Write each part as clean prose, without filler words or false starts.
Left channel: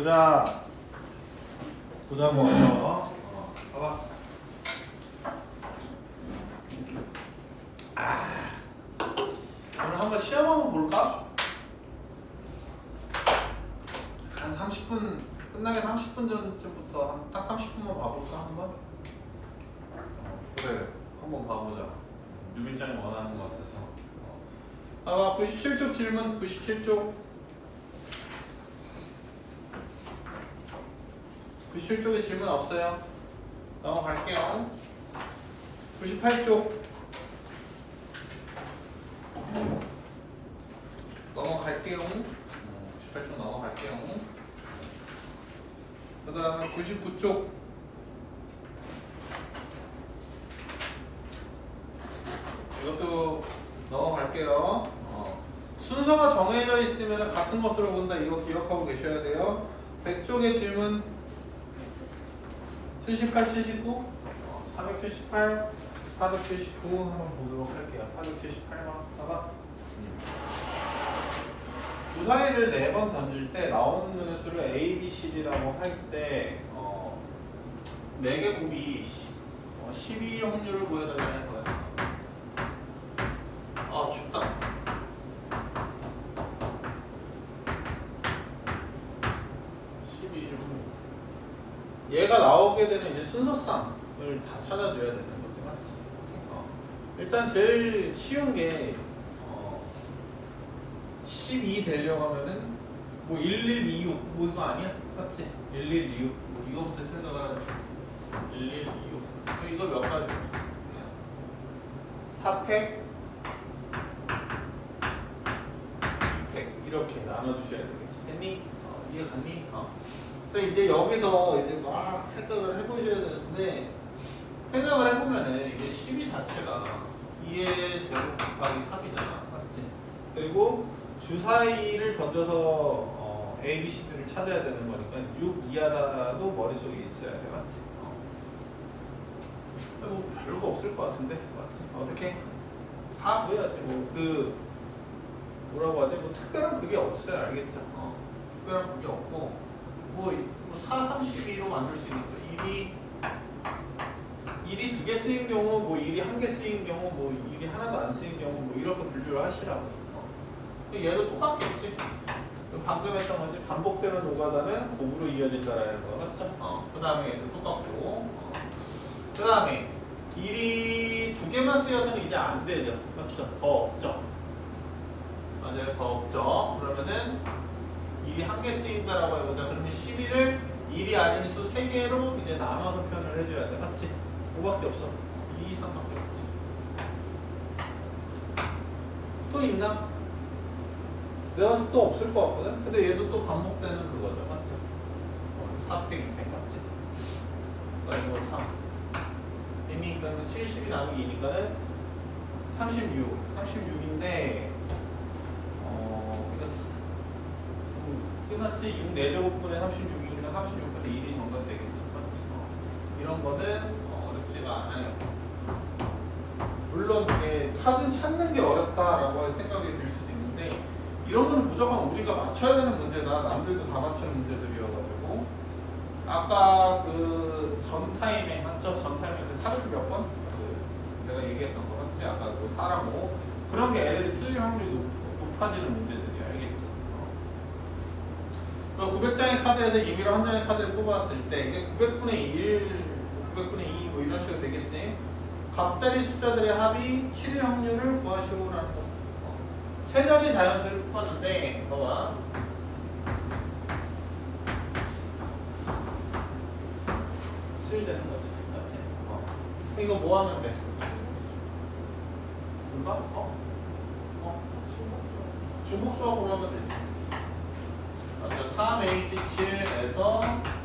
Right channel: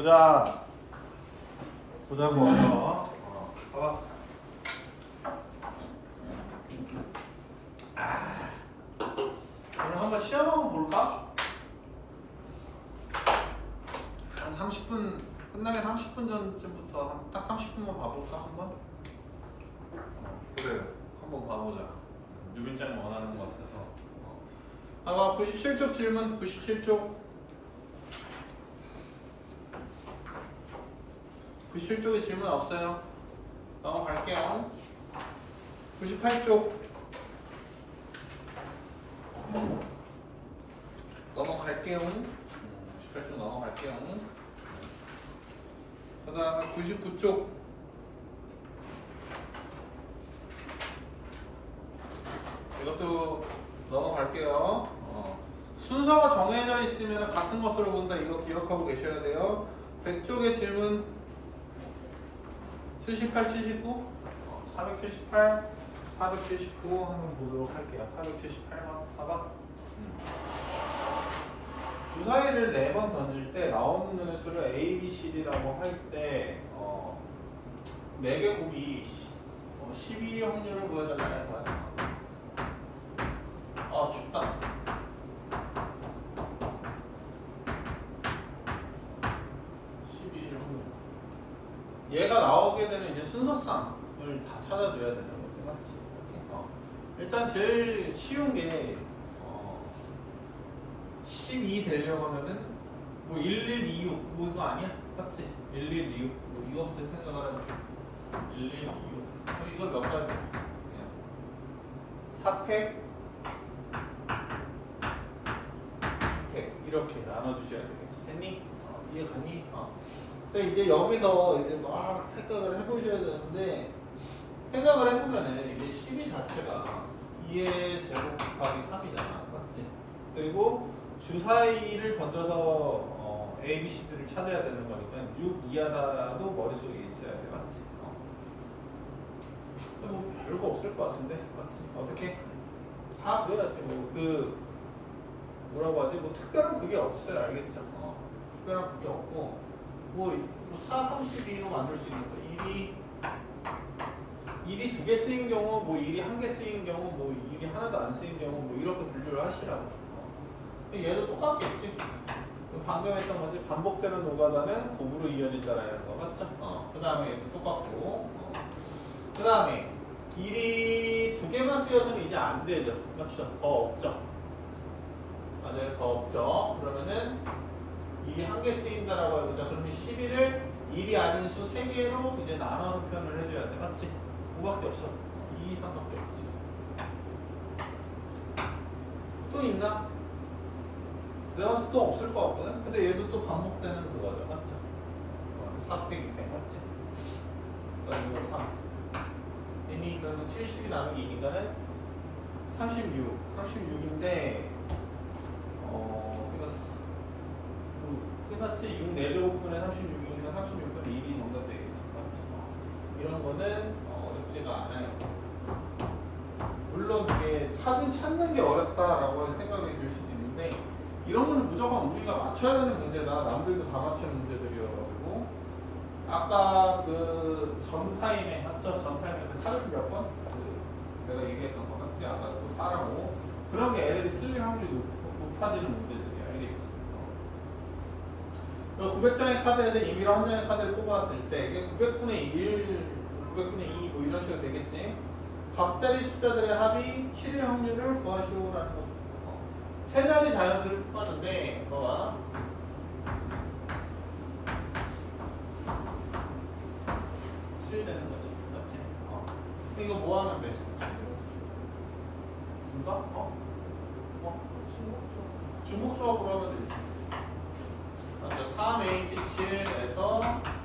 보자. 보자고 와서. 봐봐. 오늘 한번 시험 한번 볼까? 한 30분 끝나기 30분 전쯤부터 딱 30분만 봐볼까 한번? 그래, 한번 봐보자. 유빈장이 원하는 것 같아서. 봐봐, 97쪽 질문, 97쪽. 97쪽에 질문 없어요. 넘어갈게요. 98쪽. 넘어갈게요. 98쪽 넘어갈게요. 그 다음에 99쪽. 이것도 넘어갈게요. 순서가 정해져 있으면 같은 것으로 본다. 이거 기억하고 계셔야 돼요. 100쪽의 질문 78, 79, 478, 479 한번 보도록 할게요. 478만 봐봐. 주사위를 4번 던질 때 나오는 수를 A, B, C, D라고 할 때 4개 곱이 12 확률을 구해달라는 거야. 춥다. 12 확률. 얘가 나오게 되는 이제 순서상을 다 찾아줘야 되는 거지, 맞지? 일단 제일 쉬운 게 12 되려고 하면은 뭐 1126 뭐 이거 아니야? 맞지? 1126 뭐 이거부터 생각을 하자. 1126 이거 몇 가지? 4팩 100 이렇게 나눠주셔야 되겠지. 됐니? 이해갔니? 그래서 이제 여기서 이제 막 생각을 해보셔야 되는데 생각을 해보면은 이게 12 자체가 2의 제곱 곱하기 3이잖아. 맞지? 그리고 주사위를 던져서 A, B, C들을 찾아야 되는 거니까 6 이하라도 머릿속에 있어야 돼. 맞지? 뭐 별거 없을 것 같은데. 맞지? 어떻게? 다 그래야지. 뭐라고 하지? 뭐 특별한 그게 없어요. 알겠죠? 특별한 그게 없고 뭐 4, 32로 만들 수 있는 거. 1이 2개 쓰인 경우, 뭐 1이 1개 쓰인 경우, 뭐 1이 하나도 안 쓰인 경우, 뭐 이렇게 분류를 하시라고. 얘도 똑같겠지. 방금 했던 거지. 반복되는 노가다는 곱으로 이어진다라는 거 맞죠? 그 다음에 똑같고. 그 다음에 1이 2개만 쓰여서는 이제 안 되죠. 맞죠? 더 없죠. 맞아요. 더 없죠. 그러면은 1이 1개 쓰인다라고 해보자. 그러면 12를 1이 아닌 수 3개로 이제 나눠서 표현을 해줘야 돼. 맞지? 5밖에 없어. 2, 3밖에 없지. 또 있나? 내가 봤을 때 또 없을 것 같거든? 근데 얘도 또 반복되는 그거죠. 맞죠? 4팩, 6팩 맞지? 그러니까 이거 3. 이미 그러면 70이 나누기 2니까는 36. 36인데 끝났지? 6 4제곱분의 36이니까 36분의 1이 정도 되겠지. 맞지? 이런 거는 어렵지가 않아요. 물론 이게 찾는 게 어렵다라고 생각이 들 수도 있는데 이런 거는 무조건 우리가 맞춰야 되는 문제다. 남들도 다 맞추는 문제들이어가지고 아까 그 전 타임에 맞죠? 전 타임에 그 사줄 몇 번? 내가 얘기했던 거 맞지? 아까 그 4라고 그런 게 애들이 틀릴 확률이 높아지는 문제들이야. 알겠지? 900장의 카드에서 임의로 한 장의 카드를 뽑았을 때 이게 900분의 1, 900분의 2 뭐 이런 식으로 되겠지? 각자리 숫자들의 합이 7일 확률을 구하시오라는 거죠. 세 자리 자연수를 뽑았는데 봐봐. 7 되는 거지. 맞지? 이거 뭐 하면 돼? 분박? 중복수학으로 하면 되지. 맞죠? 3H7에서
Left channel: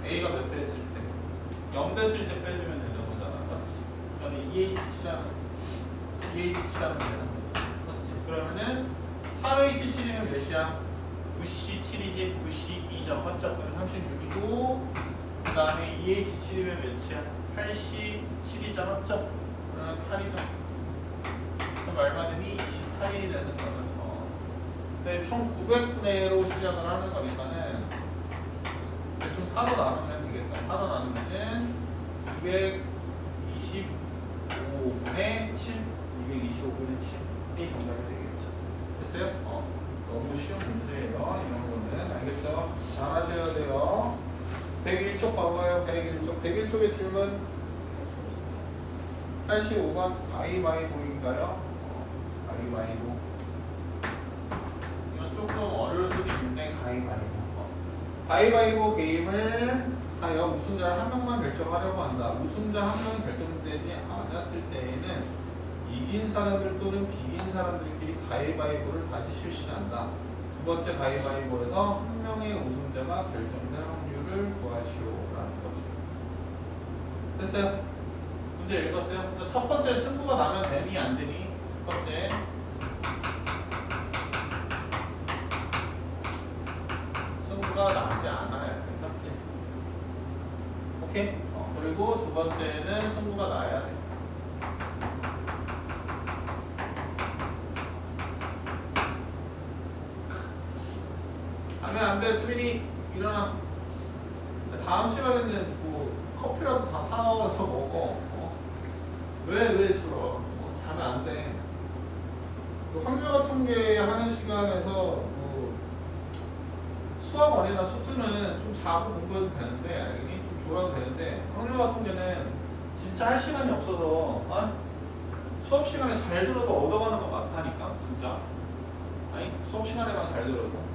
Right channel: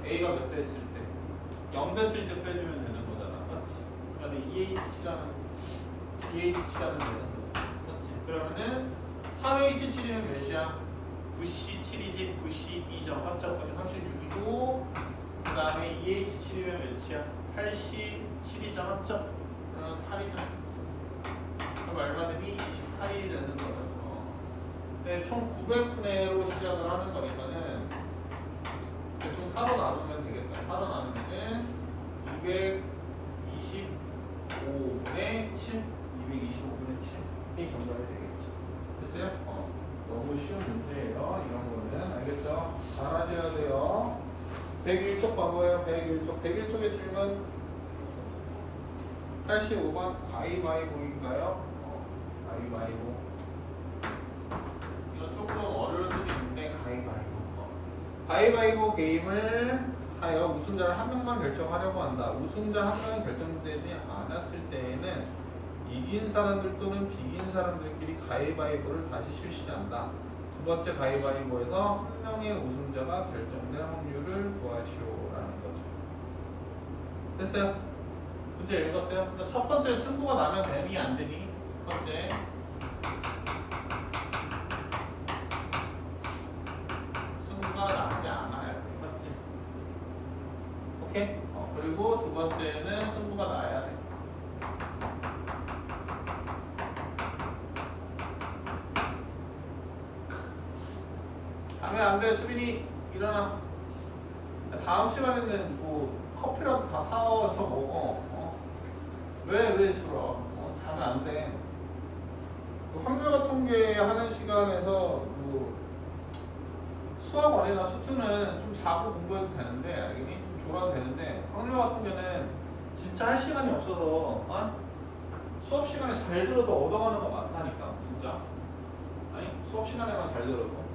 A가 몇 대 했을 때? 0 됐을 때 빼주면 되는 거잖아. 맞지? 그다음에 2H라는 되는 거지. 맞지? 그러면은 3H7이면 몇이야? 9C7이지? 9C2점 맞죠? 그럼 36이고 그 다음에 2H7이면 몇이야? 8C7이죠? 맞죠? 그러면 8이죠. 그럼 얼마 되니? 28이 되는 거죠. 네, 총 900분의로 시작을 하는 거니까는 4로 나누면 되겠다. 4로 나누면은 225분의 7, 225분의 7이 정답이 되겠죠. 됐어요? 너무 쉬운 문제예요. 이런 거는 알겠죠? 잘 하셔야 돼요. 101쪽 반가워요. 101쪽. 101쪽의 질문 85번 가위바위보인가요? 가위바위보. 이건 조금 어려울 수도 있는데 가위바위보. 가위바위보 게임을 하여 우승자를 한 명만 결정하려고 한다. 우승자 한 명이 결정되지 않았을 때에는 이긴 사람들 또는 비긴 사람들끼리 가위바위보를 다시 실시한다. 두 번째 가위바위보에서 한 명의 우승자가 결정될 확률을 구하시오라는 거죠. 됐어요? 문제 읽었어요? 그러니까 첫 번째 승부가 나면 되니 안 되니? 첫 번째 승부가 나지 않아야 돼. 맞지? 오케이? 그리고 두 번째는 승부가 나야 돼. 하면 안 돼. 수빈이 일어나. 다음 시간에는 뭐 커피라도 다 사와서 먹어. 왜 싫어? 자면 안 돼. 그 확률과 통계 하는 시간에서 뭐 수학원이나 수투는 좀 자고 공부해도 되는데, 알겠니? 좀 졸아도 되는데, 확률과 통계는 진짜 할 시간이 없어서 수업 시간에 잘 들어도 얻어가는 거 많다니까, 진짜. 아니 수업 시간에만 잘 들어도.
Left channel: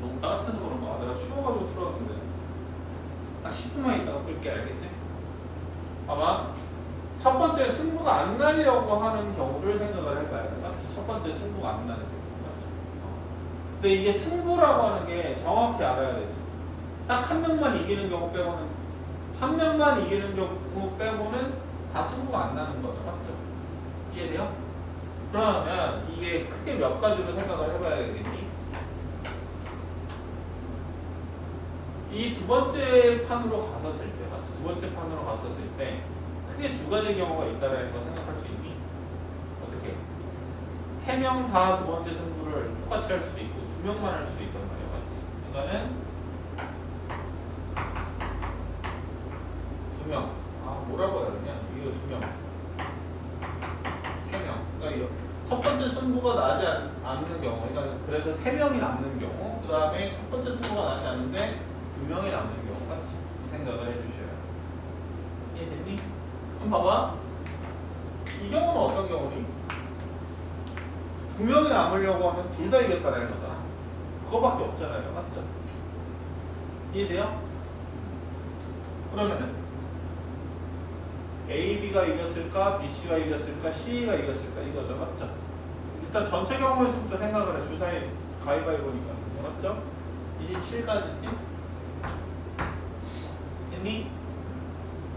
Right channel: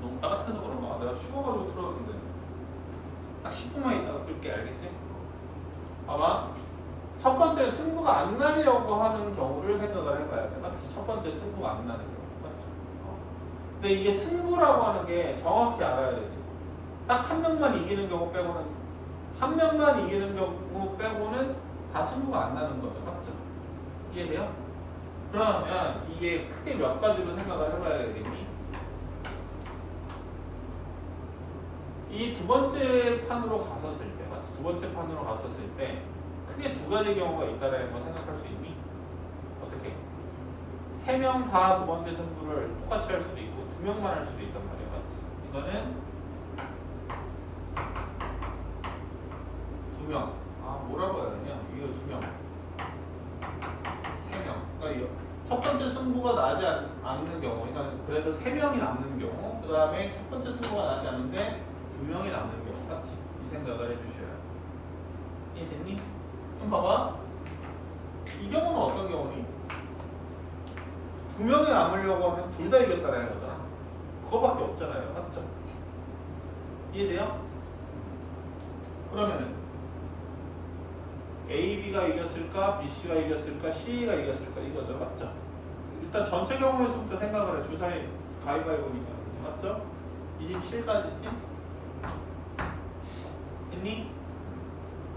너무 따뜻해서 그런가? 내가 추워가지고 틀어놨는데 딱 10분만 있다가 끌게. 알겠지? 봐봐. 첫 번째 승부가 안 나려고 하는 경우를 생각을 해봐야 돼. 맞지? 첫 번째 승부가 안 나는 경우. 맞지? 근데 이게 승부라고 하는 게 정확히 알아야 되지. 딱 한 명만 이기는 경우 빼고는, 한 명만 이기는 경우 빼고는 다 승부가 안 나는 거죠. 맞죠? 이해돼요? 그러면 이게 크게 몇 가지로 생각을 해봐야 되겠니? 이 두 번째 판으로 갔었을 때, 맞지? 두 번째 판으로 갔었을 때 크게 두 가지 경우가 있다라는 걸 생각할 수 있니? 어떻게? 세 명 다 두 번째 승부를 똑같이 할 수도 있고 두 명만 할 수도 있단 말이야, 맞지? 이거는 두 명. 뭐라고 해야 되냐? 이거 두 명. 세 명. 그러니까 첫 번째 승부가 나지 않는 경우, 그러니까 그래서 세 명이 남는 경우, 그 다음에 첫 번째 승부가 나지 않는데 두 명이 남는 경우, 맞지? 이 생각을 해주셔야 돼. 이해됐니? 그럼 봐봐. 이 경우는 어떤 경우니? 두 명이 남으려고 하면 둘 다 이겼다는 거잖아. 그거밖에 없잖아요. 맞죠? 이해돼요? 그러면은 A, B가 이겼을까? B, C가 이겼을까? C가 이겼을까? 이거죠. 맞죠? 일단 전체 경우에서부터 생각을 해. 주사위 가위바위보니까. 맞죠? 27까지지? 했니?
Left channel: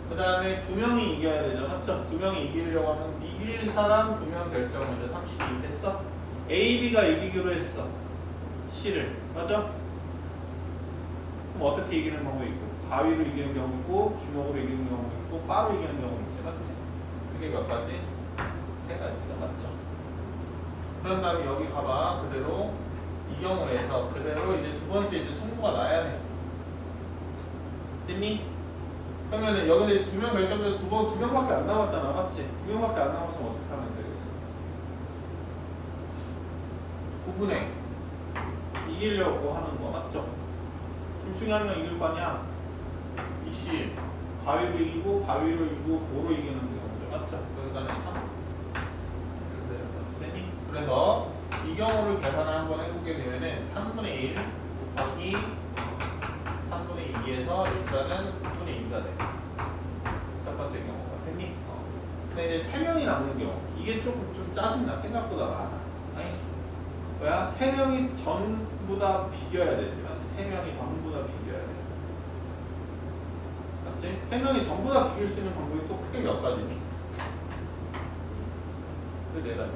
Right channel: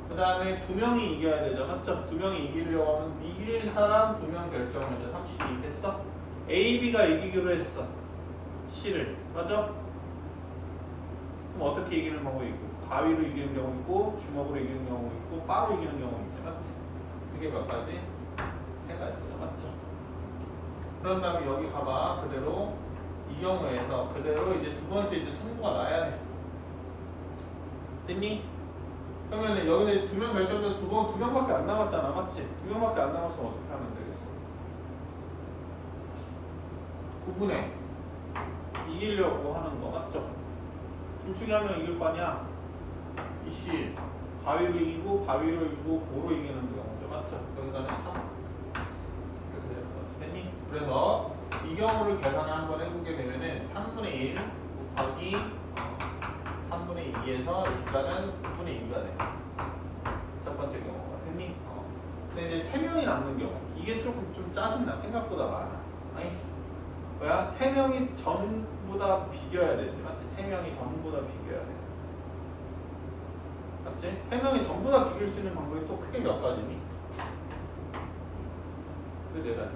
그 다음에 두 명이 이겨야 되죠. 맞죠? 두 명이 이기려고 하면 이길 사람 두 명 결정을 해서 32 됐어? A, B가 이기기로 했어. C를. 맞죠? 그럼 어떻게 이기는 방법이 있고? 가위로 이기는 경우 있고, 주먹으로 이기는 경우 있고, 바로 이기는 경우 있지. 맞지? 그게 몇 가지? 세 가지죠. 맞죠? 그런 다음에 여기 가봐. 그대로 이 경우에서 그대로 이제 두 번째 이제 승부가 나야 돼. 됐니? 그러면 여기는 두 명 결정돼서 두 명밖에 안 남았잖아. 맞지? 두 명밖에 안 남았으면 어떻게 하면 되겠어? 구분해. 이기려고 하는 거 맞죠? 둘 중에 한 명 이길 거 아니야? 이씨 가위로 이기고 바위로 이기고 고로 이기는 경우죠. 맞죠? 여기다는 3. 됐니? 그래서 이 경우를 계산을 한번 해보게 되면은 3분의 1 곱하기 3분의 2에서 일단은 9분의 2가 돼. 첫 번째 경우가. 됐니? 근데 이제 3명이 남는 경우. 이게 조금 좀 짜증나. 생각보다 많아. 아니? 뭐야? 3명이 전부 다 비겨야 되지. 맞지? 3명이 전부 다 비겨야 돼. 맞지? 3명이 전부 다 비길 수 있는 방법이 또 크게 몇 가지니? 그 네 가지.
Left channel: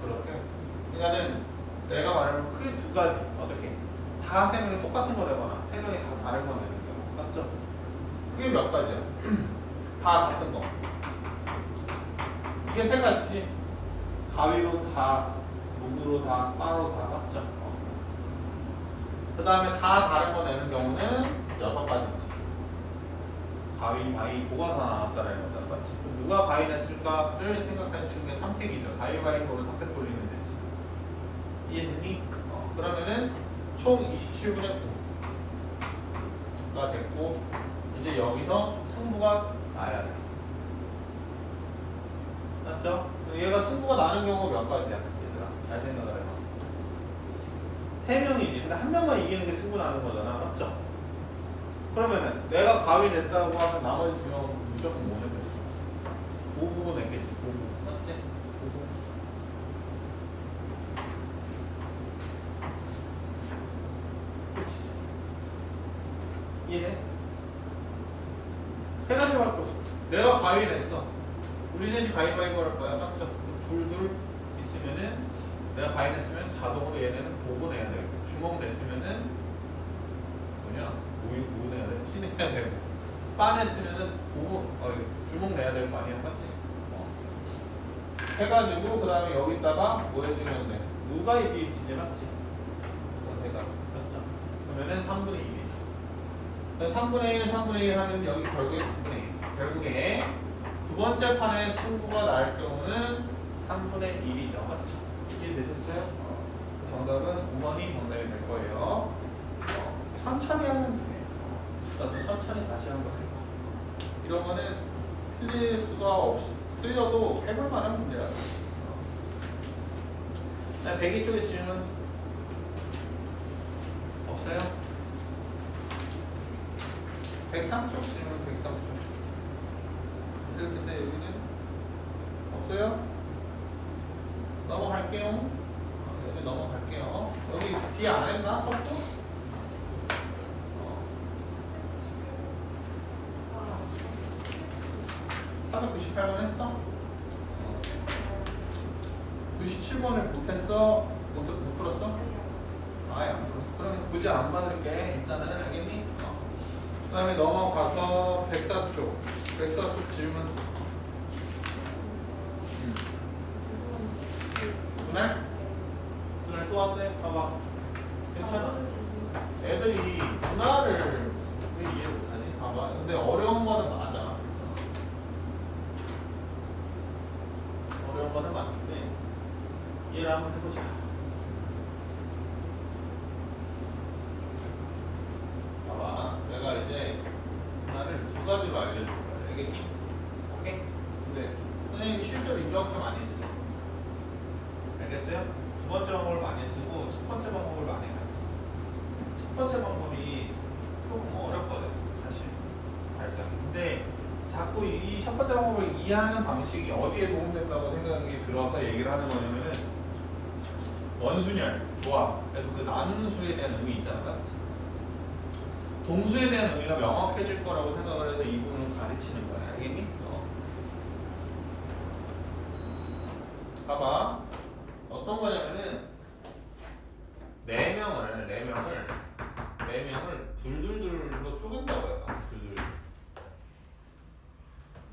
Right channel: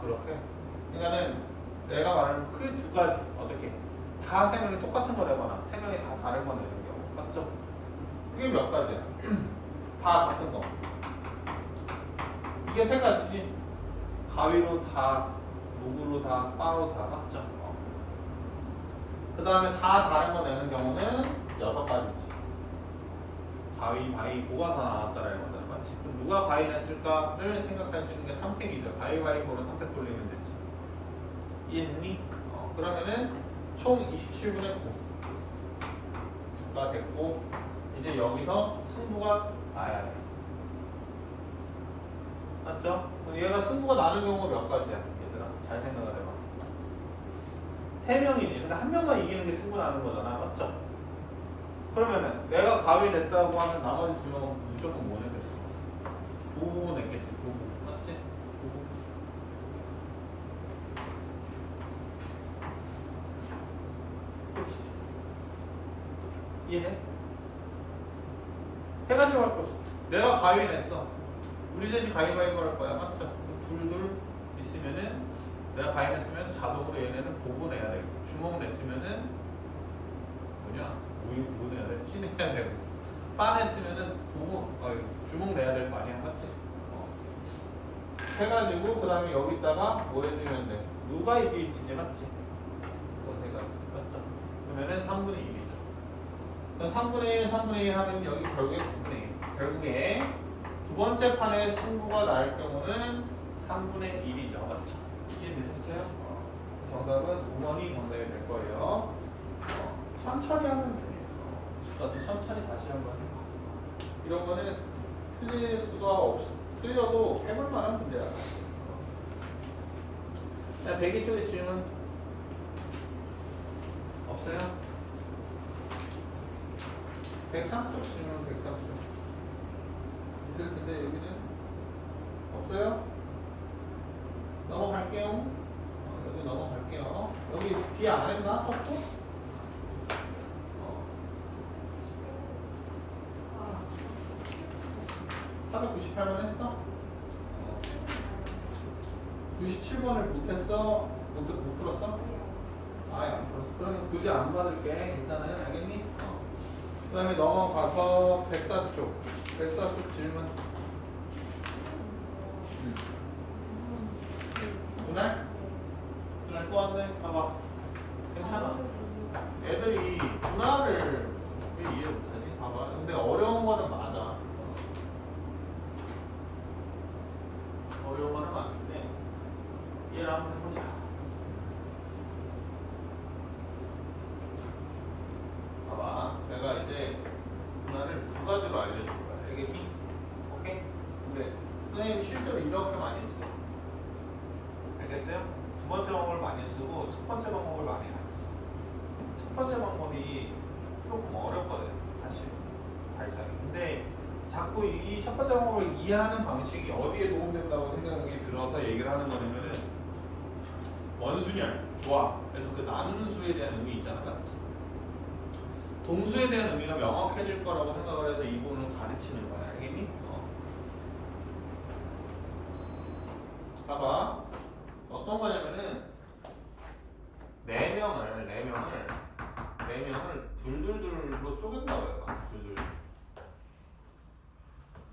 그렇게. 그러니까는 내가 말하는 크게 두 가지. 어떻게? 다 3명이 똑같은 거 되거나 3명이 다 다른 거 되는 경우. 맞죠? 그게 몇 가지야? 다 같은 거. 이게 세 가지지. 가위로 다, 무구로 다, 빠로 다 맞죠? 그 다음에 다 다른 거 내는 경우는 6가지지. 가위, 바위, 뭐가 다 나왔다라는 거잖아. 맞지? 그럼 누가 가위 냈을까를 생각할 수 있는 게 3팩이죠. 가위바위보로 3팩 돌리면 되지. 이해했니? 그러면은 총 27분의 9가 됐고, 이제 여기서 승부가 나야 돼. 맞죠? 얘가 승부가 나는 경우가 몇 가지야, 얘들아? 잘 생각을 해봐. 3명이지. 근데 한 명만 이기는 게 승부 나는 거잖아. 맞죠? 그러면은 내가 가위 냈다고 하면 나머지 2명은 무조건 뭐 냈겠어? 보고 냈겠지. 보고. 맞지? 보고. 끝이지. 이해해? 세 가지로 할 거지. 내가 가위 냈어. 우리 셋이 가위바위보 할 거야. 맞죠? 둘둘 있으면은 내가 가위 냈으면 자동으로 얘네는 보고 내야 되고, 주먹 냈으면은 뭐냐? 뭐 내야 돼? 치 내야 되고, 빠 냈으면은 보고 주먹 내야 될 거 아니야. 맞지? 해가지고 그 다음에 여기다가 뭐 해주면 돼? 누가 이길지 맞지? 세 가지. 맞죠? 그러면은 3분의 1이죠. 3분의 1, 3분의 1 하면 여기 결국에 9분의 1. 결국에 두 번째 판에 승부가 날 경우는 3분의 1이죠. 맞죠? 이해되셨어요? 정답은 5번이 정답이 될 거예요. 천천히 하면 돼요. 나도 천천히 다시 한번 해봐. 이런 거는 틀릴 수가 없어. 틀려도 해볼 만한 문제야. 102쪽에 질문 없어요? 103쪽 질문 103쪽. 있을 텐데 여기는 없어요? 넘어갈게요. 여기 넘어갈게요. 여기 뒤에 안 했나? 또? 498번 했어? 97번을 못했어? 못 풀었어? 아예 안 풀었어. 그러면 굳이 안 받을게. 일단은 알겠니? 그 다음에 넘어가서 104쪽. 104쪽 질문. 그날? 그날 또 왔네? 봐봐. 괜찮아. 애들이 분할을 왜 이해 못하니? 봐봐. 근데 어려운 거는 맞아. 어려운 거는 맞는데 이해를 한번 해보자. 봐봐. 내가 이제 분할을 2가지로 알려줄 거야. 알겠니? 오케이? 근데 선생님이 실제로 이렇게 많이 써. 알겠어요? 두 번째 방법을 많이 쓰고 첫 번째 방법을 많이 안 써. 첫 번째 방법이 조금 어렵거든, 사실 발상이. 근데 자꾸 이 첫 번째 방법을 이해하는 방식이 어디에 도움된다고 생각이 들어서 얘기를 하는 거냐면은 원순열, 조합. 그래서 그 나누는 수에 대한 의미 있잖아, 맞지? 동수에 대한 의미가 명확해질 거라고 생각을 해서 이 부분을 가르치는 거야, 알겠니? 봐봐. 어떤 거냐면은 4명을 둘둘둘로 쪼갠다고 해요. 둘둘.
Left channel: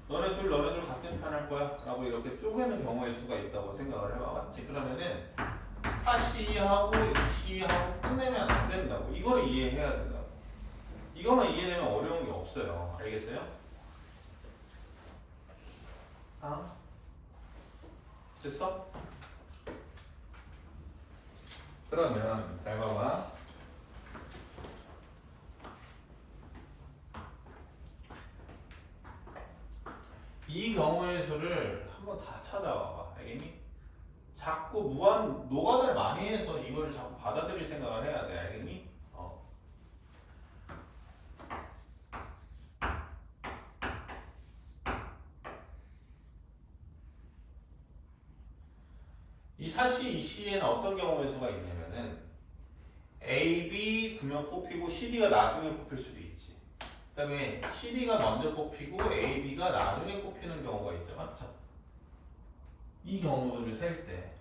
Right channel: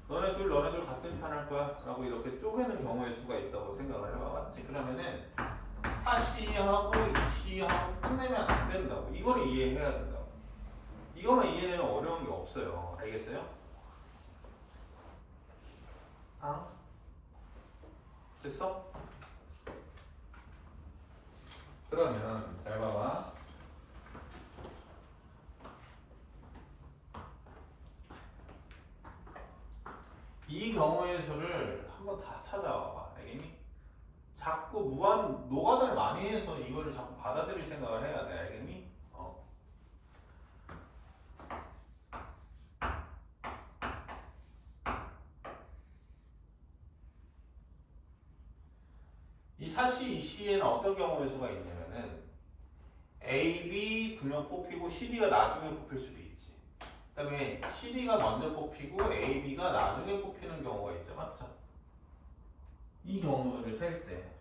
너네 둘 같은 편 할 거야 라고 이렇게 쪼개는 경우의 수가 있다고 생각을 해봐. 맞지? 그러면은 4C하고 2C하고 끝내면 안 된다고. 이걸 이해해야 된다고. 이거만 이해되면 어려운 게 없어요. 알겠어요? 됐어? 그러면 잘 봐봐. 이 경우의 수를 한번 다 찾아와봐. 알겠니? 자꾸 무한 노가다를 많이 해서 이거를 자꾸 받아들일 생각을 해야 돼. 알겠니? 이 4C, 2C에는 어떤 경우의 수가 있냐면은 A, B 2명 뽑히고 CD가 나중에 뽑힐 수도 있지. 그 다음에 CD가 먼저 뽑히고 A, B가 나중에 뽑히는 경우가 있죠. 맞죠? 이 경우를 셀 때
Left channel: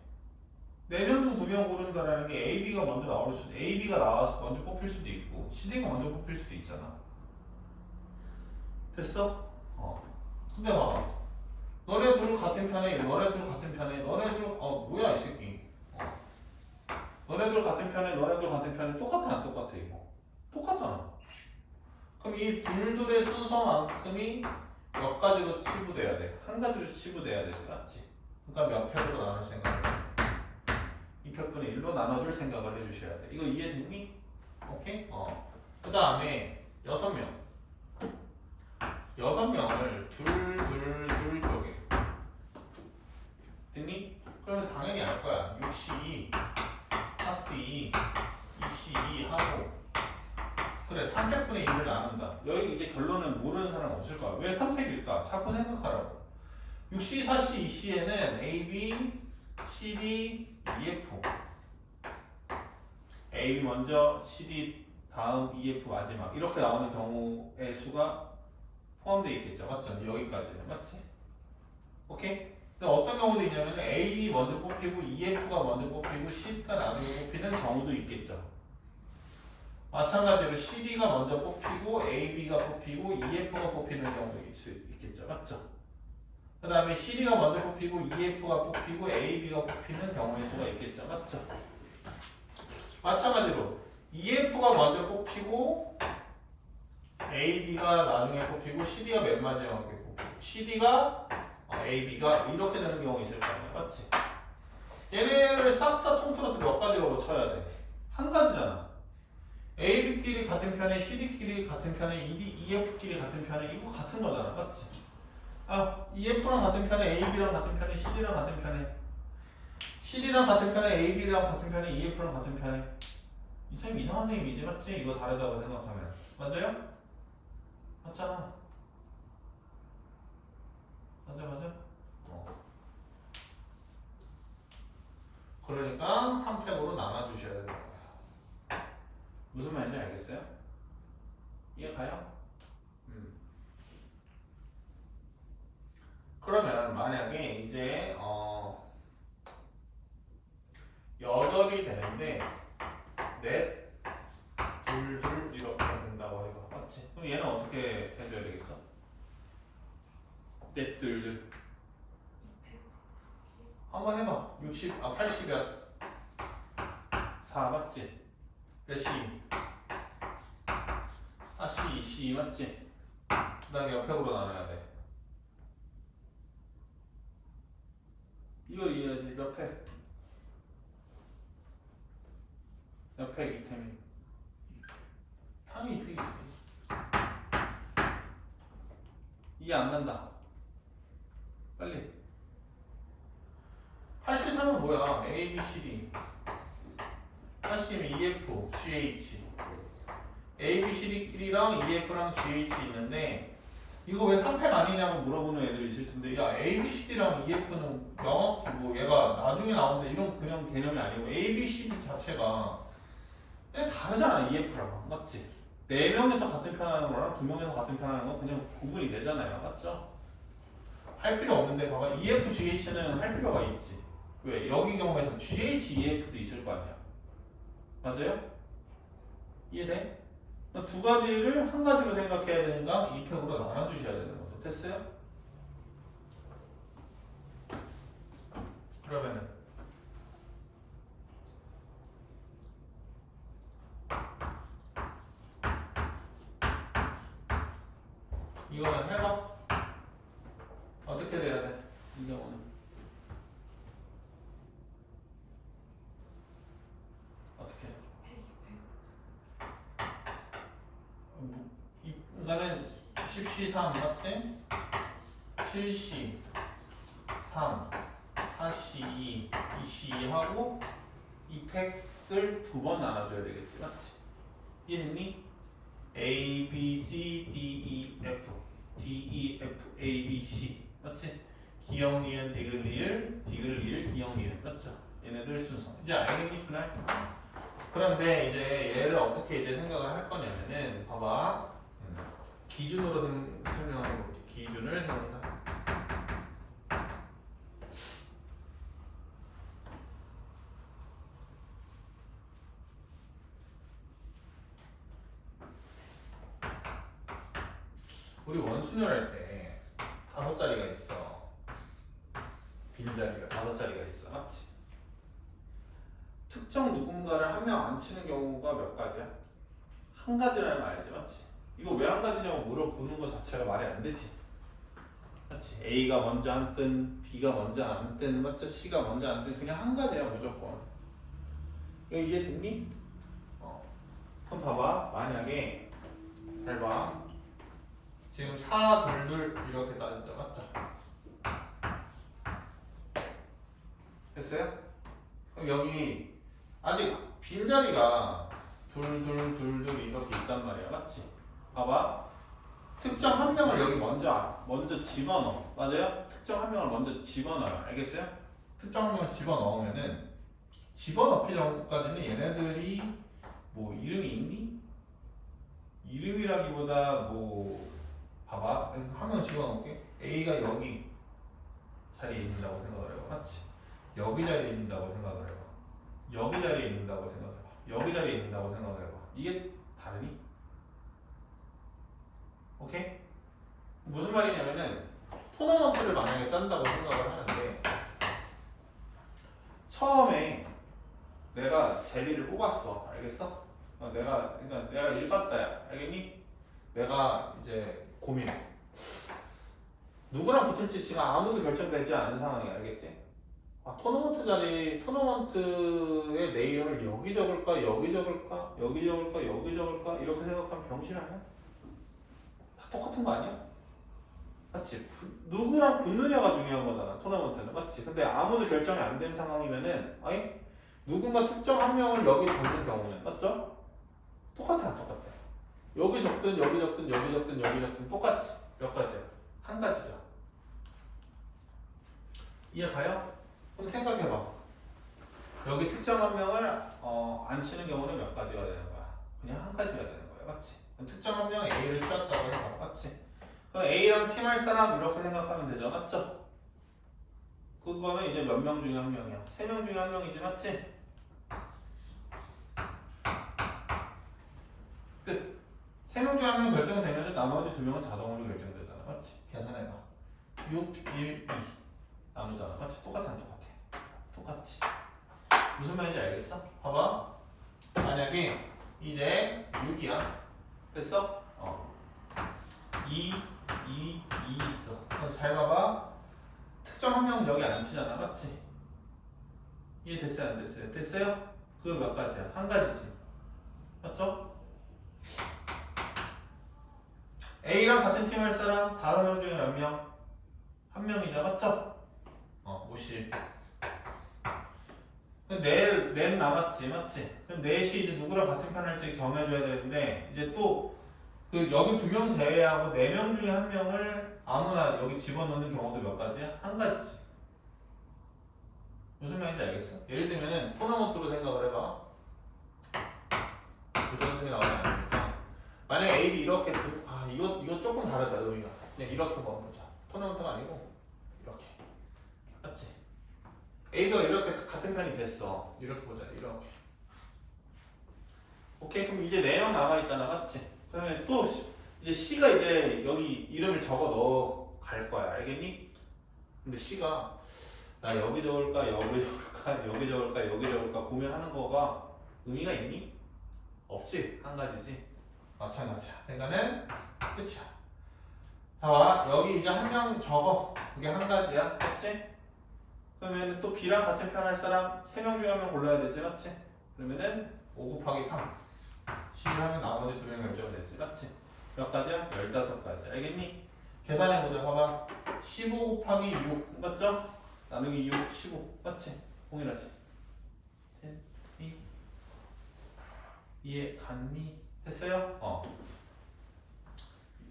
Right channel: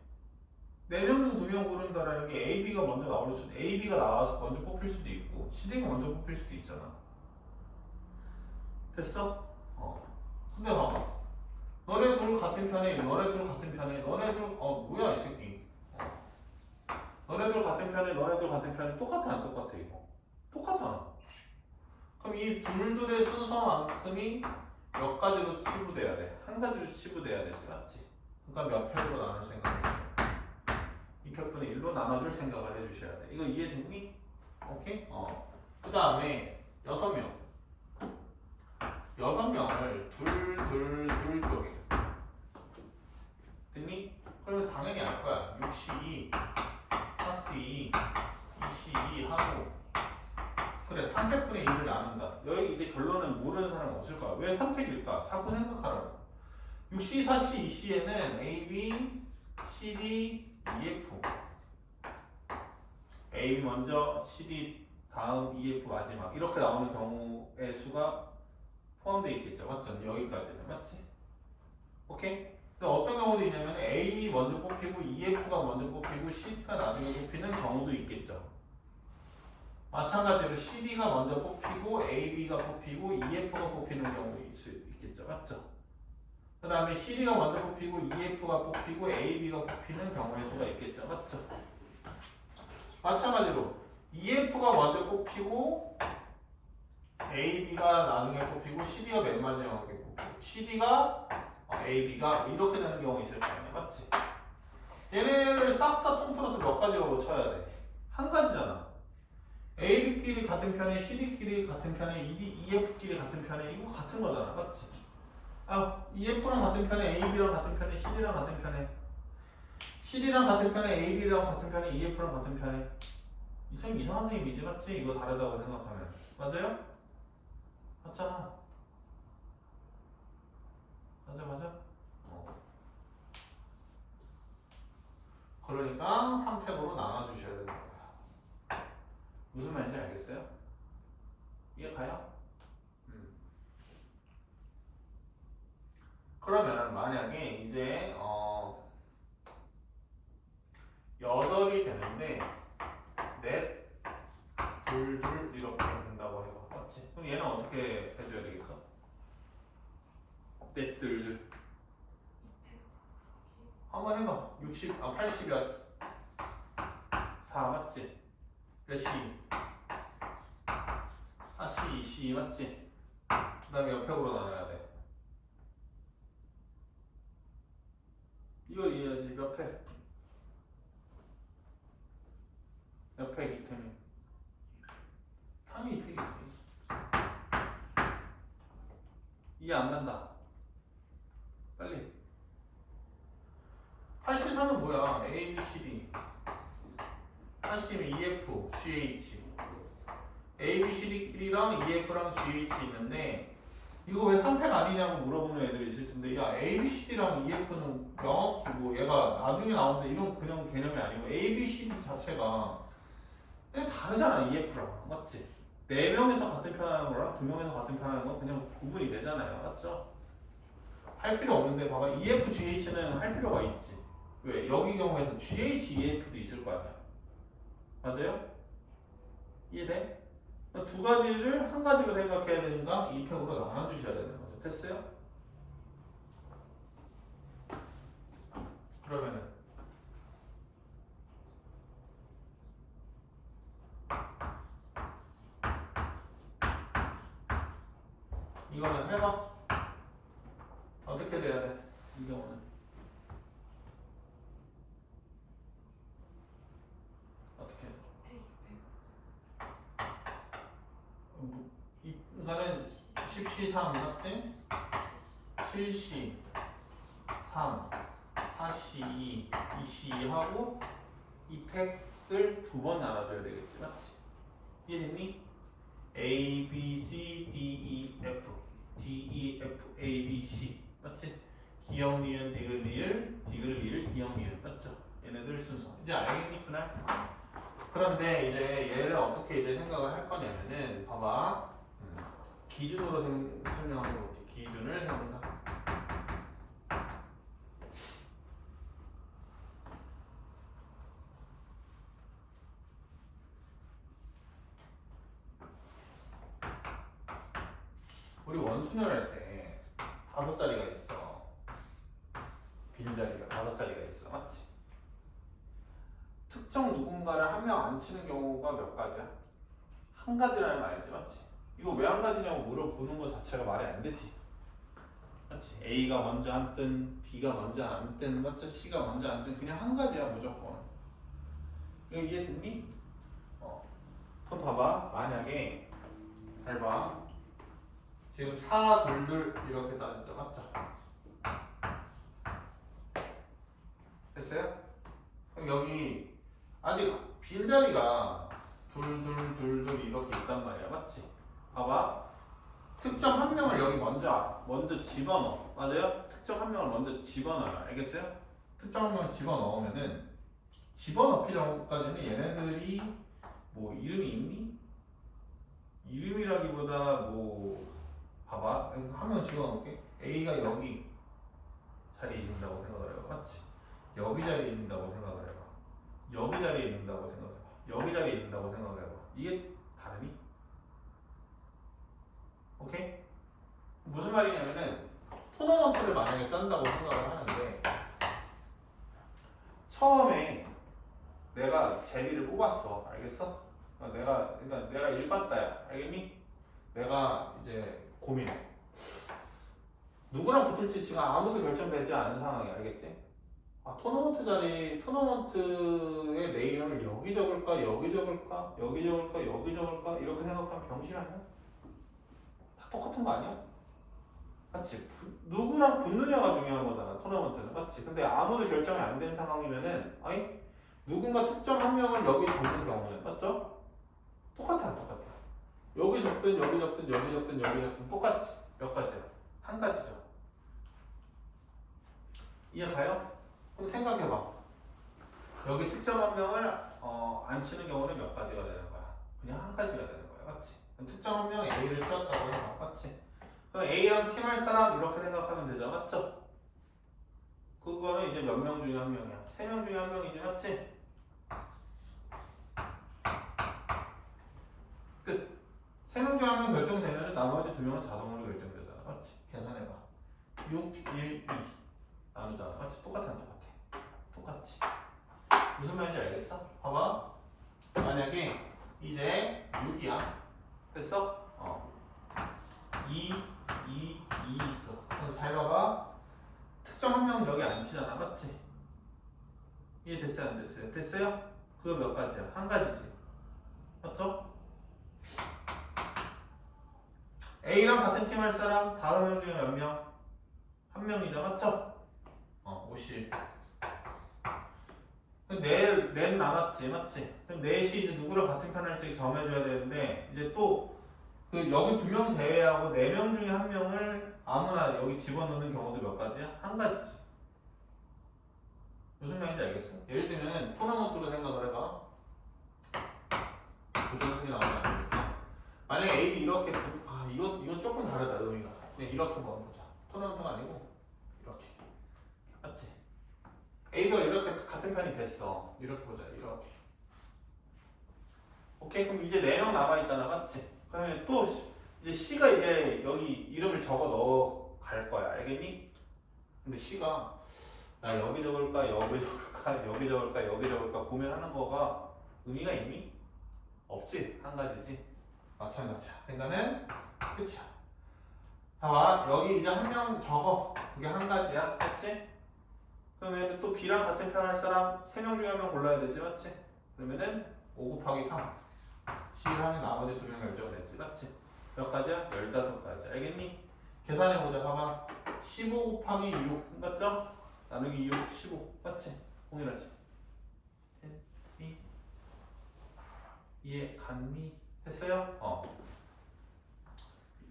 4명 중 2명 고른다라는 게 A, B가 먼저 나올 수도, A, B가 나와서 먼저 뽑힐 수도 있고 CD가 먼저 뽑힐 수도 있잖아. 됐어? 근데 봐봐. 너네 둘 같은 편에, 너네 둘 같은 편에, 너네 둘, 뭐야 이 새끼. 너네 둘 같은 편에, 너네 둘 같은 편에 똑같아 안 똑같아 이거? 똑같잖아. 그럼 이 둘둘의 순서만큼이 몇 가지로 치부돼야 돼? 한 가지로 치부돼야 되지, 맞지? 그러니까 몇 팩으로 나눌 생각을 해? 2팩분의 1로 나눠줄 생각을 해주셔야 돼. 이거 이해됐니? 오케이? 그 다음에 6명. 6명을 둘 쪽에. 됐니? 그러면 당연히 알 거야. 6C2, 4C2, 2C2 하고. 그래, 3팩분의 1을 나눈다. 여기 이제 결론은 모르는 사람 없을 거야. 왜 3팩일까? 자꾸 생각하라고. 6C, 4C, 2C에는 A, B, C, D, EF. A, B 먼저, C, D 다음, EF 마지막. 이렇게 나오는 경우의 수가 포함되어 있겠죠. 맞죠? 여기까지는. 맞지? 오케이? 근데 어떤 경우도 있냐면 A, B 먼저 뽑히고 EF가 먼저 뽑히고 CD가 나중에 뽑히는 경우도 있겠죠. 마찬가지로 CD가 먼저 뽑히고 AB가 뽑히고 EF가 뽑히는 경우도 있겠죠. 맞죠? 그 다음에 CD가 먼저 뽑히고 EF가 뽑히고 AB가 뽑히는 경우의 수가 있겠죠. 맞죠? 마찬가지로 EF가 먼저 뽑히고 AB가 나중에 뽑히고 CD가 맨 마지막에 뽑히고 CD가 AB가 이렇게 되는 경우가 있을 거 아니야. 맞지? 얘네를 싹 다 통틀어서 몇 가지로 쳐야 돼? 한 가지잖아. AB끼리 같은 편에 CD끼리 같은 편에 EF끼리 같은 편에 이거 같은 거잖아. 맞지? EF랑 같은 편에 AB랑 같은 편에 CD랑 같은 편에 CD랑 같은 편에 AB랑 같은 편에 EF랑 같은 편에 이 참 이상한 얘기지. 맞지? 이거 다르다고 생각하면 맞아요? 맞잖아. 맞아. 그러니까 3팩으로 나눠주셔야 되는 거야. 무슨 말인지 알겠어요? 이해 가요? 그러면 만약에 이제 8이 되는데 넷, 둘 이렇게 된다고 해봐. 맞지? 그럼 얘는 어떻게 해줘야 되겠어? 넷, 둘 한번 해봐. 80이야 4 맞지? 몇 C? 4C, C 맞지? 그 다음에 옆팩으로 나눠야 돼. 이걸 이해해야지. 몇 팩? 몇 팩 이템이? 당연히 2팩이지. 이해 안 간다. 빨리. 83은 뭐야? A, B, C, D. 80이면 EF, GH. A, B, C, D끼리랑 EF랑 GH 있는데 이거 왜 3팩 아니냐고 물어보는 애들 있을 텐데 야 A, B, C, D랑 EF는 명확히 뭐 얘가 나중에 나오는데 이런 그냥 개념이 아니고 A, B, C, D 자체가 그냥 다르잖아. EF랑 맞지? 4명에서 같은 편 하는 거랑 2명에서 같은 편 하는 거 그냥 구분이 되잖아요. 맞죠? 할 필요 없는데 봐봐. EF, GH는 할 필요가 있지. 왜? 여기 경우에서 GH, EF도 있을 거 아니야. 맞아요? 이해돼? 두 가지를 한 가지로 생각해야 되니까 2팩으로 나눠주셔야 되는 거죠. 됐어요? 그러면은 이거는 해봐. 어떻게 돼야 돼? 이 경우는 어떻게 해? 이거는 10C3 맞지? 7C 3 4C2 2C 하고 이 팩을 두 번 나눠줘야 되겠지. 맞지? 이해됐니? A, B, C, D, E, F D, E, F, A, B, C 맞지? 기역, 니은, 디귿, 리을, 기역, 니은 맞죠? 얘네들 순서 이제 알겠니? 그날? 그런데 이제 얘를 어떻게 이제 생각을 할 거냐면은 봐봐 기준으로 설명하는 거지. 기준을 세운다. 우리 원순을 할 때 5자리가 있어. 빈자리가 5자리가 있어. 맞지? 특정 누군가를 한 명 안 치는 경우가 몇 가지야? 한 가지라는 말 알지? 맞지? 이거 왜 한 가지냐고 물어보는 것 자체가 말이 안 되지. 맞지? A가 먼저 앉든 B가 먼저 앉든 맞죠? C가 먼저 앉든 그냥 한 가지야 무조건. 이거 이해됐니? 그럼 봐봐. 만약에 잘 봐. 지금 4, 2, 2 이렇게 따지죠. 맞죠? 됐어요? 그럼 여기 아직 빈자리가 둘 이렇게 있단 말이야. 맞지? 봐봐. 특정 한 명을 여기 먼저 집어넣어. 맞아요? 특정 한 명을 먼저 집어넣어요. 알겠어요? 특정 한 명을 집어넣으면은 집어넣기 전까지는 얘네들이 뭐 이름이 있니? 이름이라기보다 뭐 봐봐. 한 명 집어넣을게. A가 여기 자리에 있는다고 생각을 해봐. 맞지? 여기 자리에 있는다고 생각을 해봐. 여기 자리에 있는다고 생각해봐. 여기 자리에 있는다고 생각해봐. 이게 다르니? 오케이? 무슨 말이냐면은 토너먼트를 만약에 짠다고 생각을 하는데 처음에 내가 제비를 뽑았어. 알겠어? 그러니까 내가 일 봤다야. 알겠니? 내가 이제 고민해. 누구랑 붙을지 지금 아무도 결정되지 않은 상황이야. 알겠지? 토너먼트에 내 이름을 여기 적을까, 여기 적을까, 여기 적을까, 여기 적을까 이렇게 생각하면 병신 아니야? 다 똑같은 거 아니야? 맞지? 누구랑 붙느냐가 중요한 거잖아. 토너먼트는. 맞지? 근데 아무도 결정이 안 된 상황이면은 누군가 특정 한 명을 여기 적는 경우는 맞죠? 똑같아, 안 똑같아? 여기 적든 여기 적든 여기 적든 여기 적든 똑같지? 몇 가지야? 한 가지죠. 이해 가요? 그럼 생각해봐. 여기 특정 한 명을 안 치는 경우는 몇 가지가 되는 거야? 그냥 한 가지가 되는 거야. 맞지? 그럼 특정 한 명 A를 치웠다고 해봐. 맞지? 그럼 A랑 팀할 사람 이렇게 생각하면 되죠. 맞죠? 그거는 이제 몇 명 중에 한 명이야? 3명 중에 한 명이지. 맞지? 끝. 3명 중에 한 명 결정되면 나머지 2명은 자동으로 결정되잖아. 맞지? 계산해봐. 6, 1, 2 나누잖아. 맞지? 똑같아 안 똑같아? 똑같지? 무슨 말인지 알겠어? 봐봐. 만약에 이제 6이야. 됐어? 2 있어. 그럼 잘 봐봐. 특정 한 명은 여기 안 치잖아. 맞지? 이해됐어요? 안 됐어요? 됐어요? 그거 몇 가지야? 한 가지지. 맞죠? A랑 같은 팀 할 사람 5명 중에 몇 명? 한 명이다. 맞죠? 50. 넷 남았지. 맞지? 그럼 넷이 이제 누구랑 같은 편 할지 정해줘야 되는데 이제 또 여기 2명 제외하고 4명 중에 한 명을 아무나 여기 집어넣는 경우도 몇 가지야? 한 가지지. 무슨 말인지 알겠어? 예를 들면은 토너먼트로 생각을 해봐. 부정승이 나오면 안 되니까. 만약에 A, B 이렇게 이거 조금 다르다 의미가. 그냥 이렇게 먹어보자. 토너먼트가 아니고 이렇게. 맞지? A가 이렇게 같은 편이 됐어. 이렇게 보자. 이렇게. 오케이. 그럼 이제 4명 남아있잖아. 맞지? 그러면 또 이제 C가 이제 여기 이름을 적어 넣어 갈 거야. 알겠니? 근데 C가 나 여기 적을까 여기 적을까 여기 적을까 여기 적을까 고민하는 거가 의미가 있니? 없지. 한 가지지. 마찬가지야. 그러니까는 끝이야. 봐봐. 여기 이제 한 명 적어. 그게 한 가지야. 맞지? 그러면 또 B랑 같은 편 할 사람 3명 중에 한 명 골라야 되지. 맞지? 그러면은 5 곱하기 3 C를 하면 나머지 2명 결정됐지. 맞지? 몇 가지야? 15가지. 알겠니? 계산해보자. 봐봐. 15 곱하기 6 맞죠? 나누기 6, 15 맞지? 동일하지? 됐니? 이해 갔니? 됐어요?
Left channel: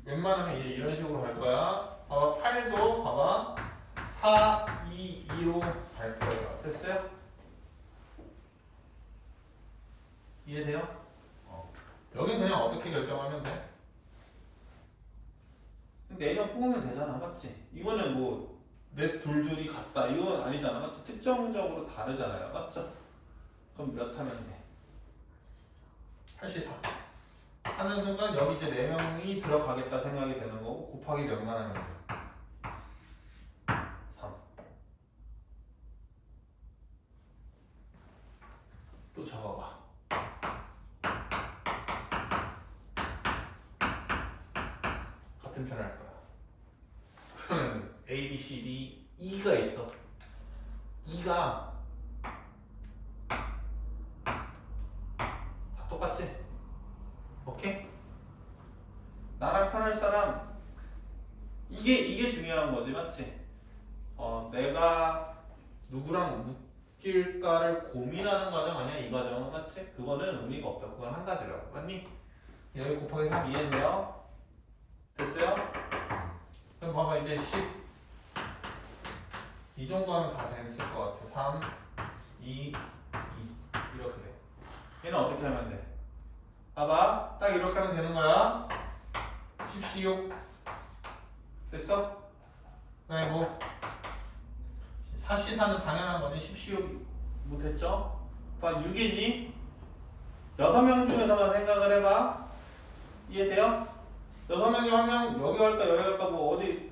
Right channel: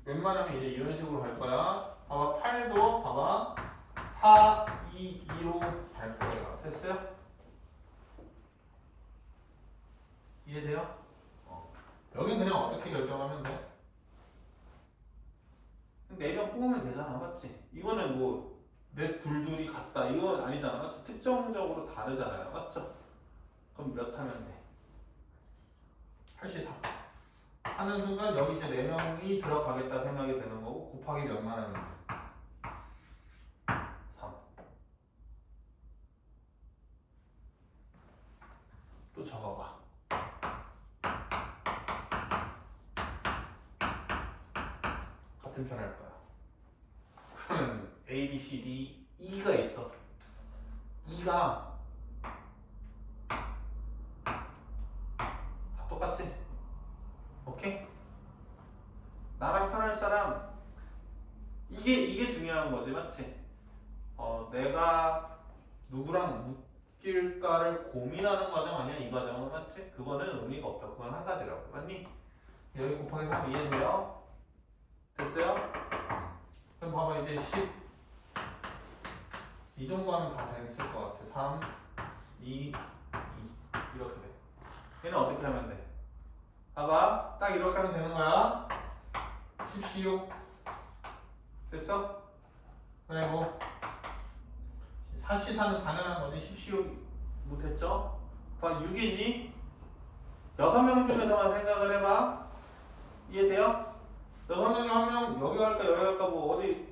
웬만하면 이제 이런 식으로 갈 거야. 봐봐. 8도 봐봐. 4, 2, 2로 갈 거예요. 됐어요? 이해돼요? 여긴 그냥 어떻게 결정하면 돼? 4명 뽑으면 되잖아. 맞지? 이거는 뭐 넷 둘이 같다. 이건 아니잖아. 맞지? 특정적으로 다르잖아요. 맞죠? 그럼 몇 하면 돼? 84 하는 순간 여기 이제 4명이 들어가겠다 생각이 되는 거고 곱하기 몇만 하면 돼? 3 불편할 거야. 그러면 A, B, C, D, E가 있어. E가 다 똑같지? 오케이? 나랑 편할 사람 이게 중요한 거지, 맞지? 내가 누구랑 묶일까를 고민하는 과정 아니야, 이 과정은, 맞지? 그거는 의미가 없다. 그건 한 가지라고, 맞니? 여기 곱하기 3 이해돼요? 됐어요? 그럼 봐봐, 이제 10 이 정도 하면 다 됐을 것 같아. 3, 2, 2 이렇게 돼. 얘는 어떻게 하면 돼? 봐봐, 딱 이렇게 하면 되는 거야. 10, 6 됐어? 아이고 4C4는 당연한 거지. 10, 6 못했죠? 봐, 6이지? 6명 중에서만 생각을 해봐. 이해돼요? 6명 중 1명 여기 갈까 여기 갈까 뭐 어디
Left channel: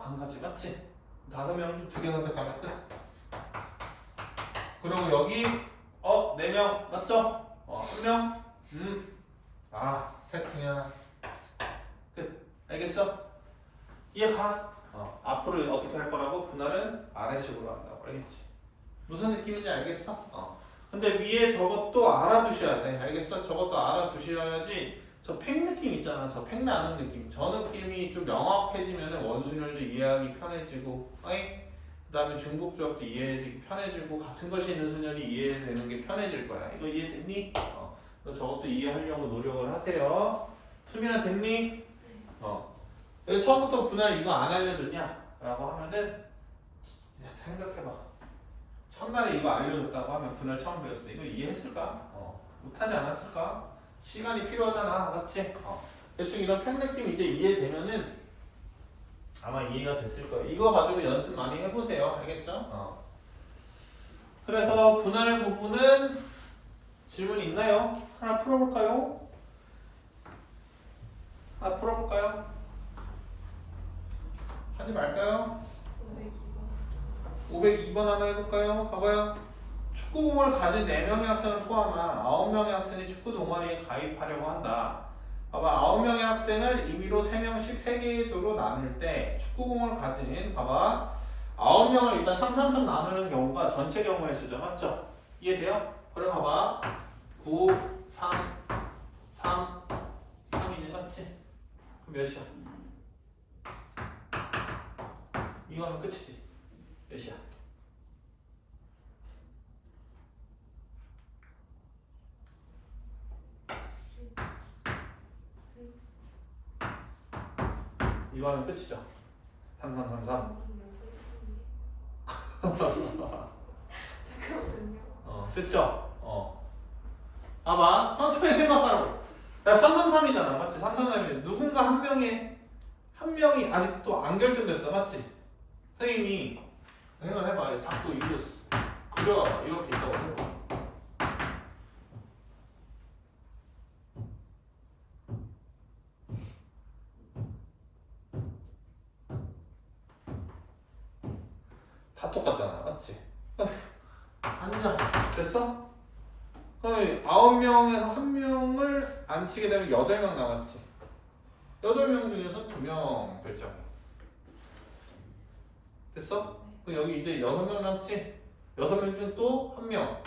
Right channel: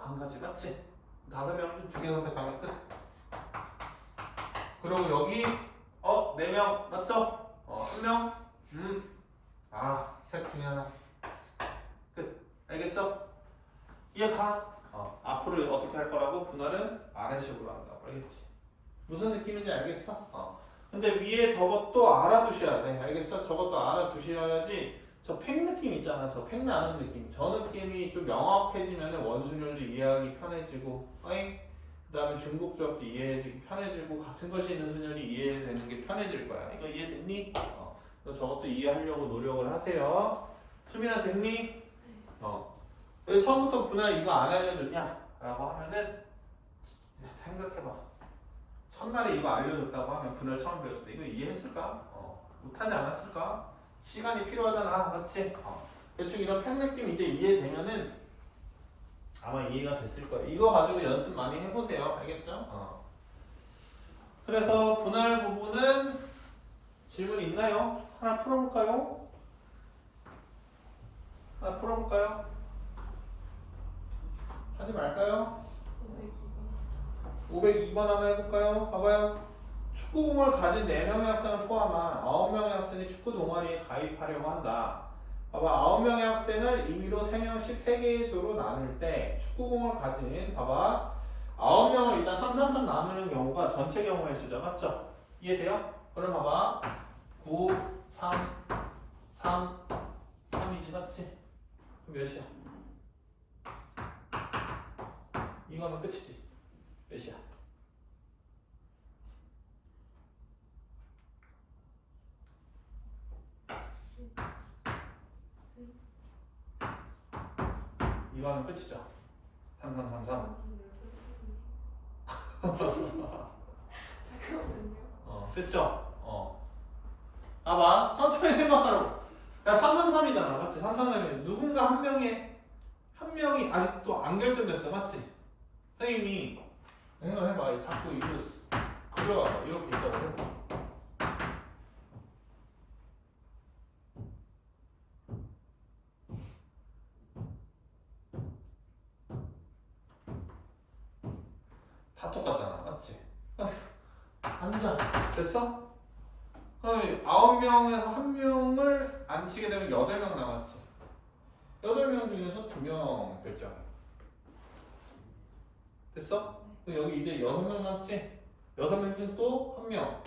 안 가지, 맞지? 5명 중 2개 선택하면 끝. 그리고 여기 4명 맞죠? 1명 셋 중에 하나 끝. 알겠어? 이해가? 앞으로 어떻게 할 거라고? 분할은 아래식으로 한다고 알겠지? 무슨 느낌인지 알겠어? 근데 위에 저것도 알아두셔야 돼. 알겠어? 저것도 알아두셔야지. 저 팩 느낌 있잖아. 저 팩 나는 느낌. 저 느낌이 좀 명확해지면 원순율도 이해하기 편해지고, 그 다음에 중복조합도 이해하기 편해지고, 같은 것이 있는 순열이 이해되는 게 편해질 거야. 이거 이해됐니? 그래서 저것도 이해하려고 노력을 하세요. 수민아 됐니? 왜 처음부터 분할 이거 안 알려줬냐? 라고 하면은 생각해봐. 첫날에 이거 알려줬다고 하면 분할 처음 배웠을 때 이거 이해했을까? 못하지 않았을까? 시간이 필요하잖아, 맞지? 대충 이런 팩 느낌 이제 이해되면은 아마 이해가 됐을 거예요. 이거 가지고 연습 많이 해보세요. 알겠죠? 그래서 분할 부분은 질문 있나요? 하나 풀어볼까요? 하나 풀어볼까요? 하지 말까요? 502번 하나 해볼까요? 봐봐요. 축구공을 가진 4명의 학생을 포함한 9명의 학생이 축구 동아리에 가입하려고 한다. 봐봐, 9명의 학생을 임의로 3명씩 3개의 조로 나눌 때 축구공을 가진, 봐봐, 9명을 일단 3, 3, 3 나누는 경우가 전체 경우의 수죠. 맞죠? 이해돼요? 그래 봐봐, 9, 3, 3, 3이지, 맞지? 그럼 몇이야? 이거는 끝이지. 몇이야? 이거는 끝이죠. 3, 3, 3, 3. 잠깐만요. 됐죠? 봐봐, 천천히 생각하라고. 야, 3, 3, 3이잖아. 맞지? 3, 3, 3이면 누군가 한 명이 아직도 안 결정됐어. 맞지? 선생님이 생각을 해봐. 자꾸 이거 그려봐. 이렇게 있다고 해봐. 다 똑같잖아. 맞지? 앉아. 됐어? 9명에서 1명을 안 치게 되면 8명 남았지. 8명 중에서 2명 결정. 됐어? 그럼 여기 이제 6명 남았지? 6명 중 또 1명.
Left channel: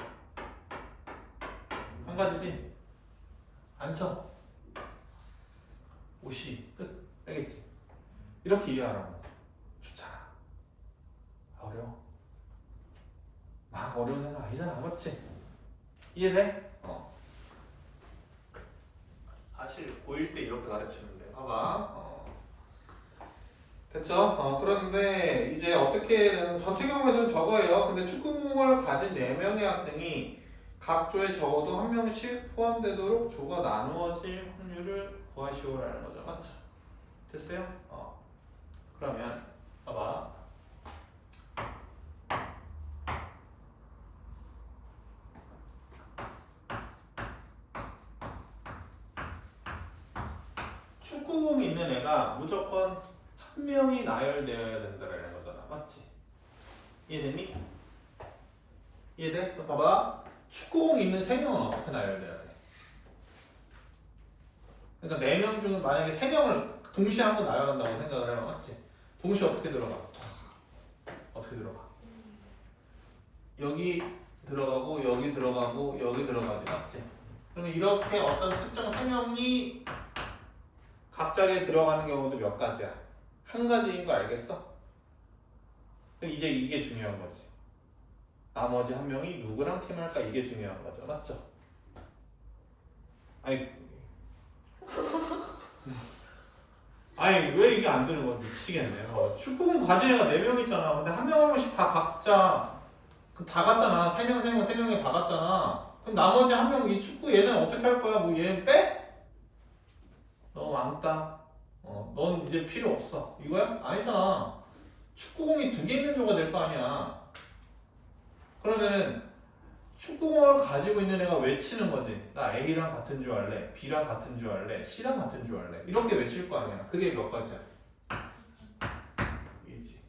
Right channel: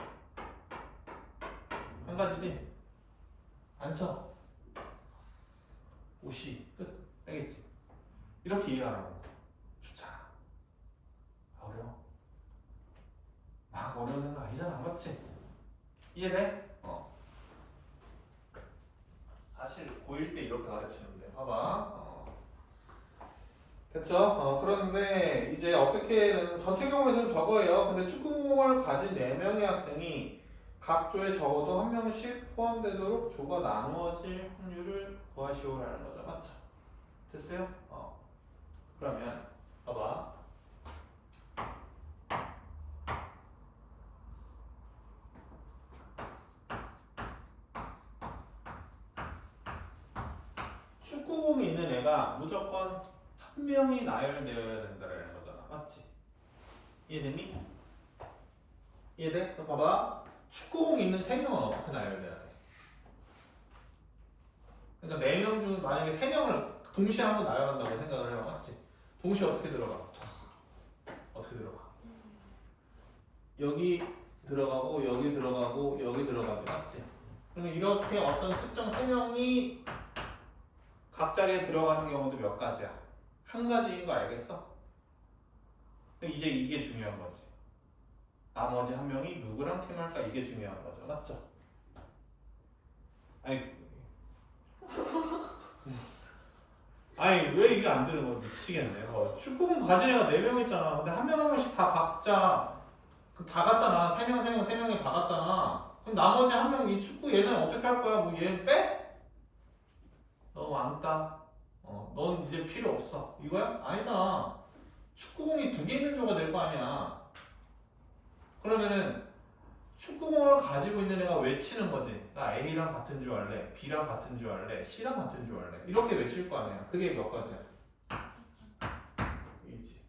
한 가지지? 앉혀. 오시. 끝. 알겠지? 이렇게 이해하라고. 좋잖아. 어려워. 막 어려운 생각 아니잖아. 맞지? 이해돼? 사실 고1 때 이렇게 가르치는데 봐봐. 됐죠? 그런데 이제 어떻게 전체 경우에서는 저거예요. 근데 축구공을 가진 4명의 학생이 각 조에 적어도 1명씩 포함되도록 조가 나누어질 확률을 구하시오라는 거죠. 맞죠? 됐어요? 그러면 봐봐. 축구공이 있는 애가 무조건 1명이 나열되어야 된다는 거잖아. 맞지? 이해됐니? 이해돼? 그럼 봐봐. 축구공 있는 3명은 어떻게 나열돼야 돼? 그러니까 4명 중 만약에 3명을 동시에 한번 나열한다고 생각을 해봐. 맞지? 동시에 어떻게 들어가? 어떻게 들어가? 여기 들어가고 여기 들어가고 여기 들어가지. 맞지? 그러면 이렇게 어떤 특정 세명이 각 자리에 들어가는 경우도 몇 가지야? 한 가지인 거 알겠어? 이제 이게 중요한 거지. 나머지 한 명이 누구랑 팀할까? 이게 중요한 거죠. 맞죠? 아니 왜 이게 안 되는 거야? 미치겠네. 축구공 가진 애가 4명 있잖아. 근데 한 명 한 명씩 다 각자 다 갔잖아. 3명, 3명, 3명이 다 갔잖아. 그럼 나머지 한 명 이 축구 얘는 어떻게 할 거야? 뭐 얘는 빼? 너 왕따. 넌 이제 필요 없어. 이거야? 아니잖아. 축구공이 2개 있는 조가 될 거 아니야. 그러면은 축구공을 가지고 있는 애가 외치는 거지. 나 A랑 같은 줄 알래, B랑 같은 줄 알래, C랑 같은 줄 알래. 이렇게 외칠 거 아니야. 그게 몇 가지야? A지.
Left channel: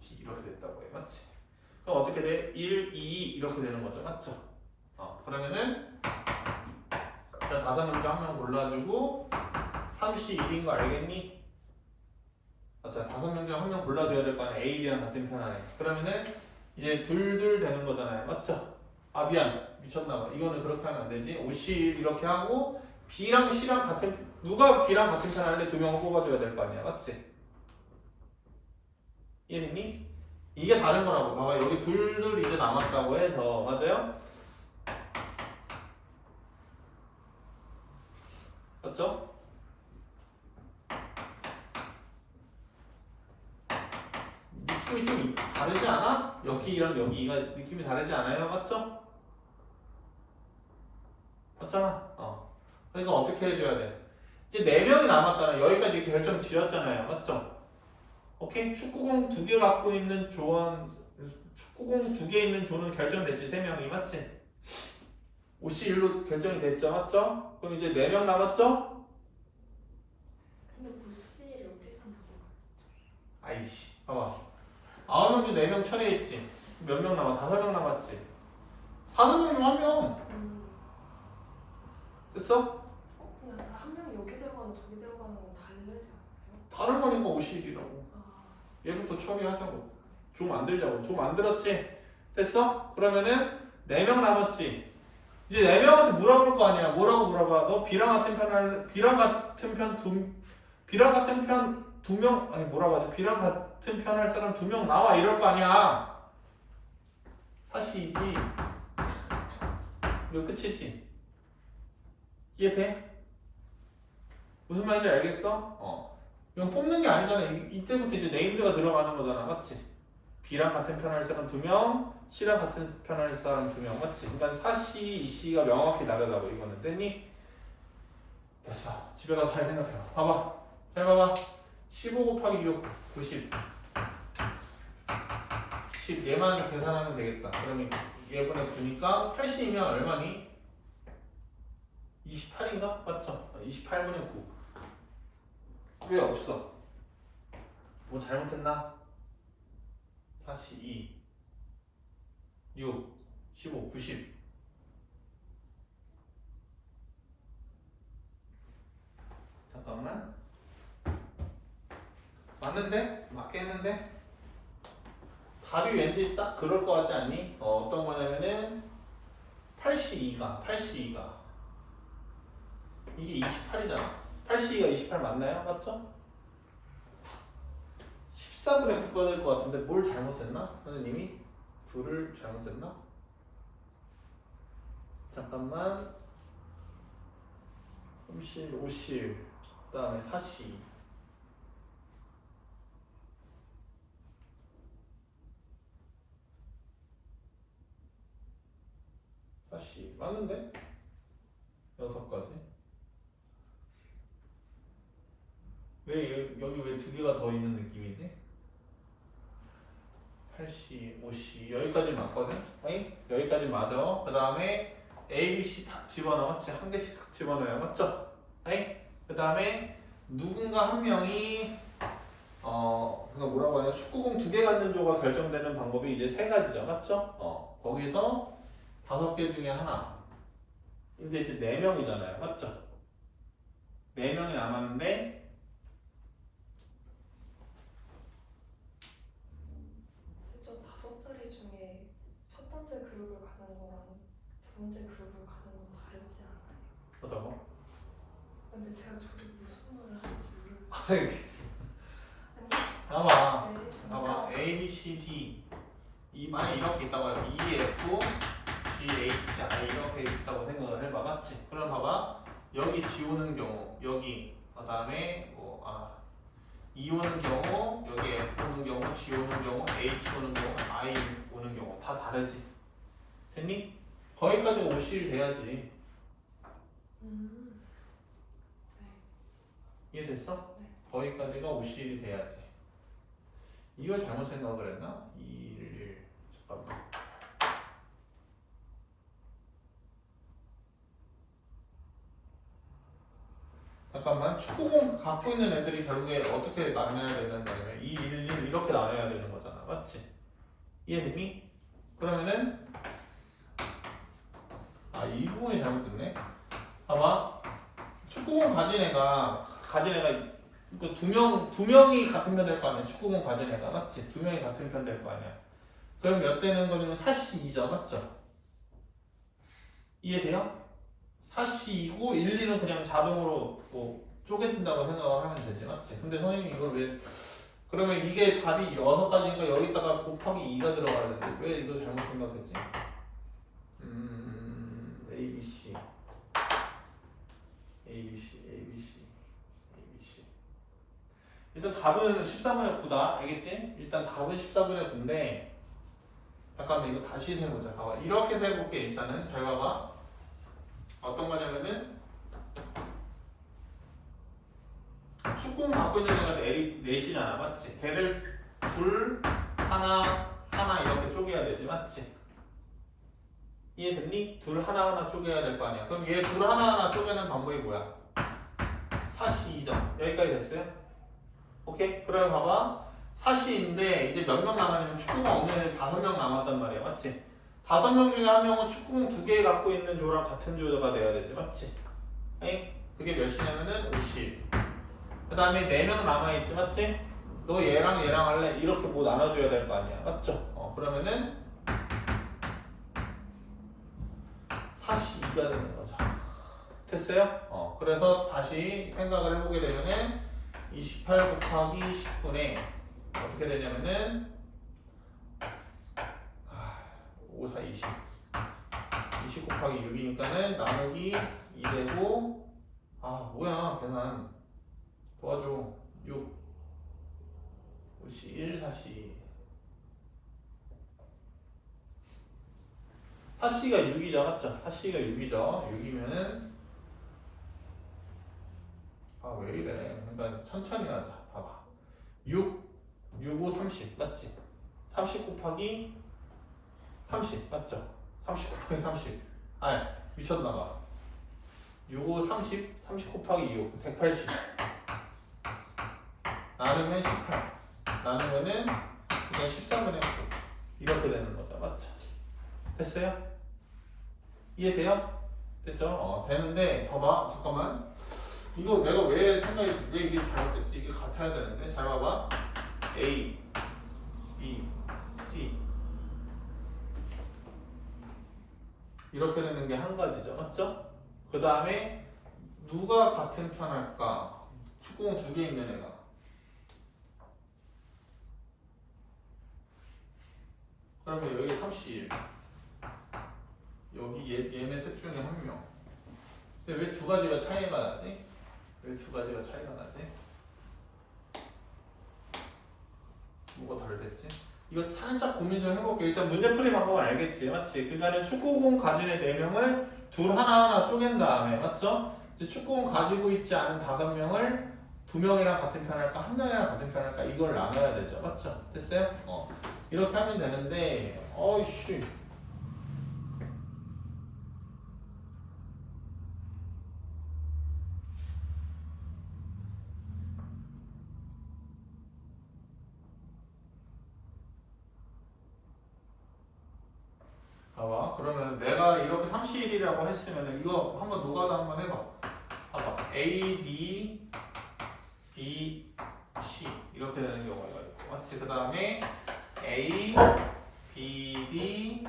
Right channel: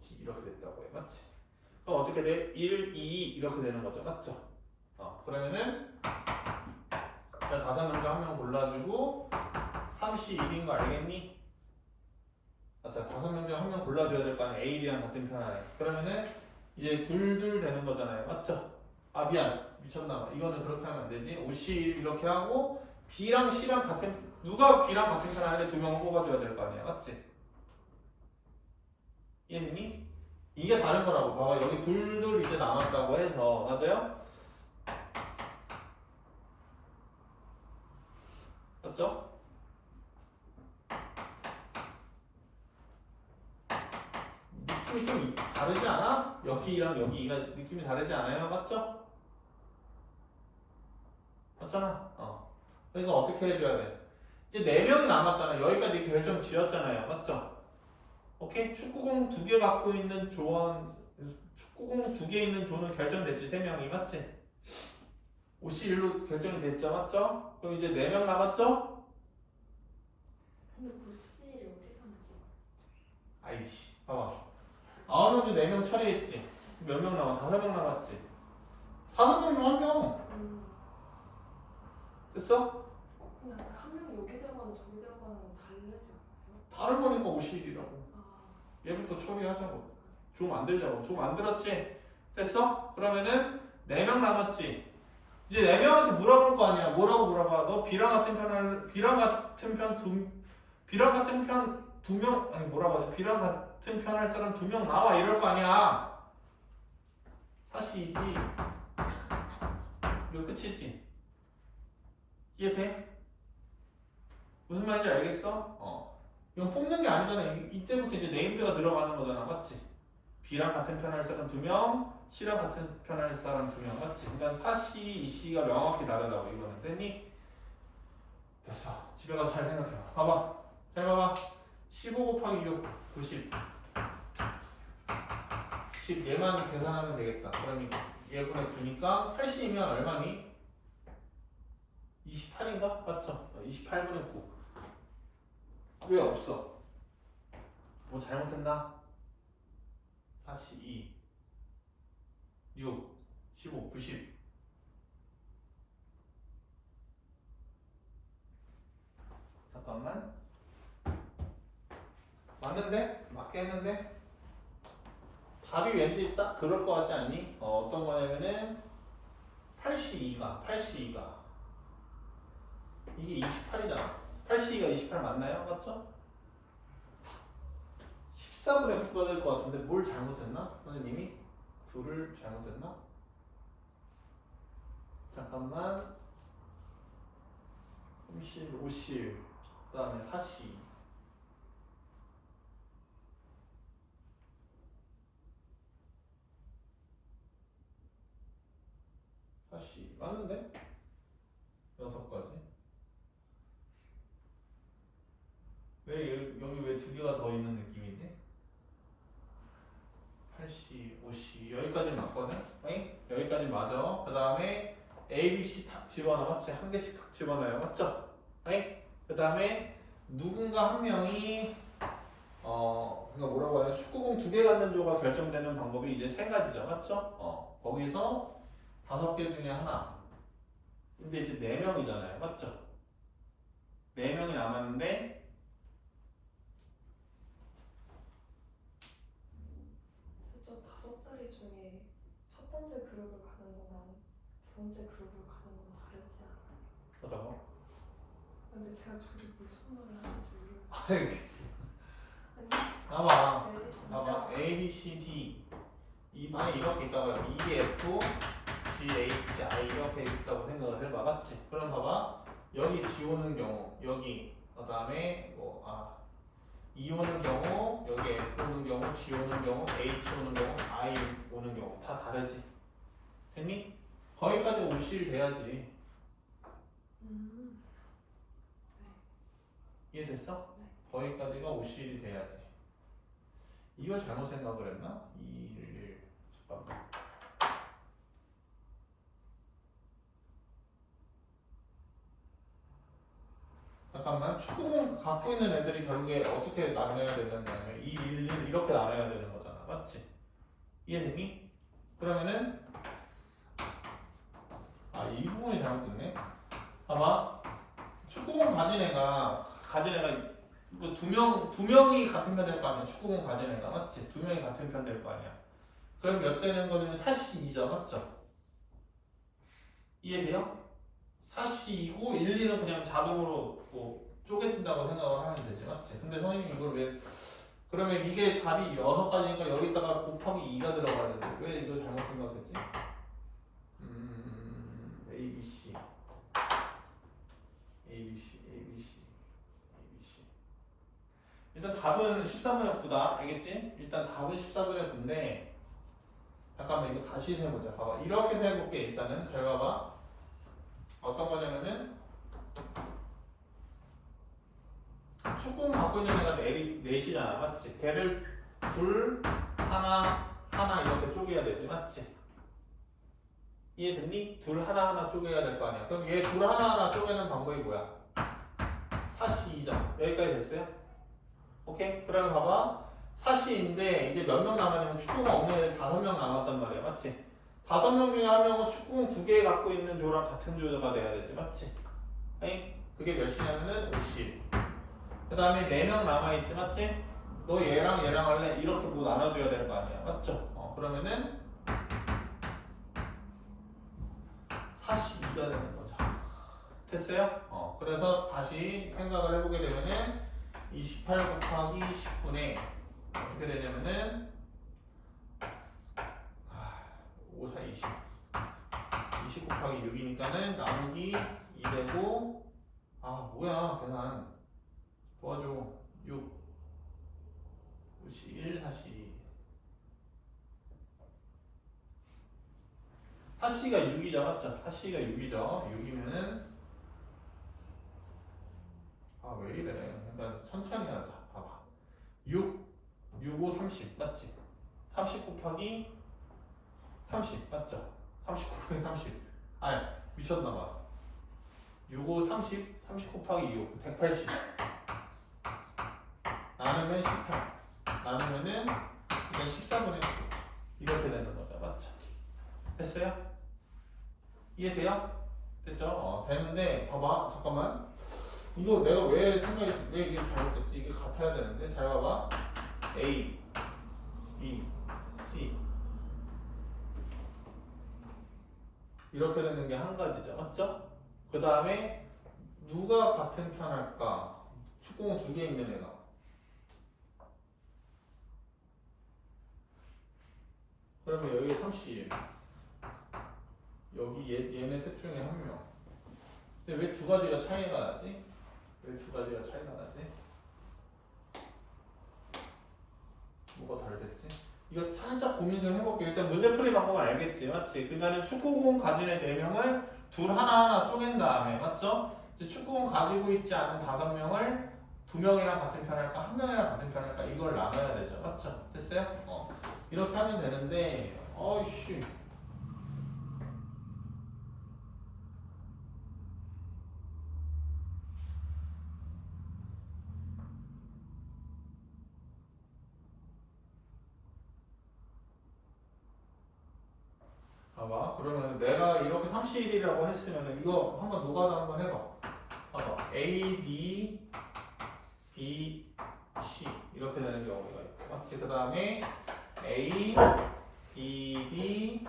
B 이렇게 됐다고 해. 맞지? 그럼 어떻게 돼? 1, 2 이렇게 되는 거죠. 맞죠? 그러면은 일단 5명 중 한 명 골라주고 3시 1인 거 알겠니? 맞죠? 5명 중 한 명 골라줘야 될 거 아니야. A, B랑 같은 편 안에. 그러면은 이제 둘둘 되는 거잖아요. 맞죠? 아 미안 미쳤나봐. 이거는 그렇게 하면 안 되지. 50 이렇게 하고 B랑 C랑 같은 누가 B랑 같은 편 할래? 2명을 뽑아줘야 될 거 아니야. 맞지? 이해했니? 이게 다른 거라고. 봐봐 여기 둘둘 이제 남았다고 해서 맞아요? 맞죠? 느낌이 좀 다르지 않아? 여기랑 여기가 느낌이 다르지 않아요? 맞죠? 맞잖아. 그러니까 어떻게 해줘야 돼? 이제 4명이 남았잖아요. 여기까지 이렇게 결정 지었잖아요. 맞죠? 오케이? 축구공 2개 갖고 있는 조원, 축구공 2개 있는 조는 결정됐지. 3명이. 맞지? 51로 결정이 됐죠. 맞죠? 그럼 이제 4명 남았죠? 근데 보씨를 어떻게 생각해? 아이씨. 봐봐. 9명 중 4명 처리했지. 몇 명 남아? 5명 남았지. 5명 중 1명. 됐어? 그냥 한 명이 여기 들어가는 저기 들어가는 건 다르지 않아요? 다른 거니까 51이라고. 얘부터 처리하자고. 조 만들자고. 조 만들었지? 됐어? 그러면은 4명 남았지? 이제 4명한테 물어볼 거 아니야. 뭐라고 물어봐? 너 B랑 같은 편 B랑 같은 편 두 명, 아니 뭐라고 하지? B랑 같은 편 할 사람 2명 나와. 이럴 거 아니야. 사실이지. 이거 끝이지. 이해돼? 무슨 말인지 알겠어? 이건 뽑는 게 아니잖아. 이때부터 이제 네임드가 들어가는 거잖아. 맞지? B랑 같은 편 할 사람 2명, C랑 같은 편 할 사람 2명. 맞지? 그러니까 4C, 2C가 명확히 다르다고 이거는. 됐니? 됐어. 집에 가서 잘 생각해봐. 봐봐. 잘 봐봐. 15 곱하기 6, 90. 10. 얘만 계산하면 되겠다. 그러면 얘분의 9니까 80이면 얼마니? 28인가? 맞죠? 28분의 9. 왜 없어? 뭐 잘못했나? 42, 6, 15, 90. 잠깐만. 맞는데? 맞게 했는데? 답이 왠지 딱 그럴 것 같지 않니? 어떤 거냐면은 82가 이게 28이잖아. 82가 28 맞나요? 맞죠? 14분의 9가 될 것 같은데 뭘 잘못했나? 선생님이? 둘을 잘못했나? 잠깐만. 30, 50, 그 다음에 40. 40 맞는데? 6가지. 왜 여기 왜 2개가 더 있는 느낌이지? 80, 50 여기까지 맞거든? 아니? 여기까지 맞아. 그 다음에 A, B, C 다 집어넣어. 맞지? 한 개씩 다 집어넣어요. 맞죠? 아니? 그 다음에 누군가 한 명이 그러니까 뭐라고 하냐? 축구공 2개 갖는 조가 결정되는 방법이 이제 3가지죠. 맞죠? 거기서 5개 중에 하나. 근데 이제 4명이잖아요. 맞죠? 4명이 남았는데 번째 그룹을 가는 거랑 두 번째 그룹을 가는 건 다르지 않아요? 어떤 거? 근데 제가 저도 무슨 말을 하는지 모르겠어요. 아이, 아니, 봐봐. 네. 봐봐. A, B, C, D. 만약 이렇게 있다고 해요. E, F, G, H, I 이렇게 있다고 생각을 해봐. 맞지? 그럼 봐봐. 여기 G 오는 경우, 여기, 그 다음에 E 오는 경우, 여기 F 오는 경우, G 오는 경우, H 오는 경우, I 오는 경우 다 다르지. 됐니? 거기까지 오실 돼야지. 네. 이해됐어? 네. 거기까지가 오실이 돼야지. 이걸 잘못 생각을 했나? 2, 1, 잠깐만. 잠깐만. 축구공 갖고 있는 애들이 결국에 어떻게 나눠야 된다면 2, 1, 1 이렇게 나눠야 되는 거잖아. 맞지? 이해됐니? 그러면은 이 부분이 잘못됐네. 봐봐. 축구공 가진 애가 그 두 명이 같은 편 될 거 아니야. 축구공 가진 애가 맞지? 두 명이 같은 편 될 거 아니야. 그럼 몇 되는 거냐면 4C2죠. 맞죠? 이해돼요? 4C2고 1, 2는 그냥 자동으로 뭐 쪼개진다고 생각을 하면 되지. 맞지? 근데 선생님 이걸 왜 그러면 이게 답이 6가지니까 여기다가 곱하기 2가 들어가야 되는데 왜 이거 잘못 생각했지? A, B, C A, B, C, A, B, C A, B, C 일단 답은 14분의 9다. 알겠지? 일단 답은 14분의 9인데 잠깐만 이거 다시 해보자. 봐봐. 이렇게 해볼게. 일단은 잘 봐봐. 어떤 거냐면은 축구공 갖고 있는 애가 넷이잖아. 맞지? 걔를 둘, 하나 이렇게 쪼개야 되지. 맞지? 이해됐니? 둘 하나 쪼개야 될 거 아니야. 그럼 얘 둘 하나 쪼개는 방법이 뭐야? 4C2점. 여기까지 됐어요? 오케이? 그럼 봐봐. 4C인데 이제 몇 명 남았냐면 축구공 없는 애들 5명 남았단 말이야. 맞지? 5명 중에 한 명은 축구공 2개 갖고 있는 조랑 같은 조가 돼야 되지. 맞지? 아니? 그게 몇이냐면은 50. 그 다음에 4명 남아있지. 맞지? 너 얘랑 할래? 이렇게 뭐 나눠줘야 될 거 아니야. 맞죠? 그러면은 42가 되는 거죠. 됐어요? 그래서 다시 생각을 해보게 되면은 28 곱하기 10분의 어떻게 되냐면은 5, 4, 20 20 곱하기 6이니까는 나누기 2 되고 뭐야 계산 도와줘 6 5시 1 4시 4C가 6이죠. 맞죠? 4C가 6이죠. 6이면은 왜 이래. 그러니까 천천히 하자. 봐봐. 6, 5, 30 맞지? 30 곱하기 30 맞죠? 30 곱하기 30 미쳤나봐. 6, 5, 30 30 곱하기 6 180 나누면 18 나누면은 그냥 13분의 9 이렇게 되는 거죠. 맞죠? 됐어요? 이해돼요? 됐죠? 되는데 봐봐 잠깐만 이거 내가 왜 이게 잘못됐지? 이게 같아야 되는데 잘 봐봐 A, B, C 이렇게 되는 게 한 가지죠. 맞죠? 그 다음에 누가 같은 편 할까? 축구공 2개 있는 애가 그러면 여기 31 여기 얘네 셋 중에 한 명. 근데 왜 2가지가 차이가 나지? 왜 2가지가 차이가 나지? 뭐가 다르겠지? 이거 살짝 고민 좀 해볼게. 일단 문제 풀이 방법은 알겠지? 맞지? 그러니까는 축구공 가진 애 4명을 둘 하나하나 쪼갠 다음에 맞죠? 이제 축구공 가지고 있지 않은 5명을 2명이랑 같은 편 할까? 1명이랑 같은 편 할까? 이걸 나눠야 되죠. 맞죠? 됐어요? 이렇게 하면 되는데 어이씨 봐봐. 그러면 내가 이렇게 31이라고 했으면 이거 한번 노가다 한번 해봐. 봐봐. A, D, B, C 이렇게 되는 경우가 있고 맞지? 그 다음에 A, B, D,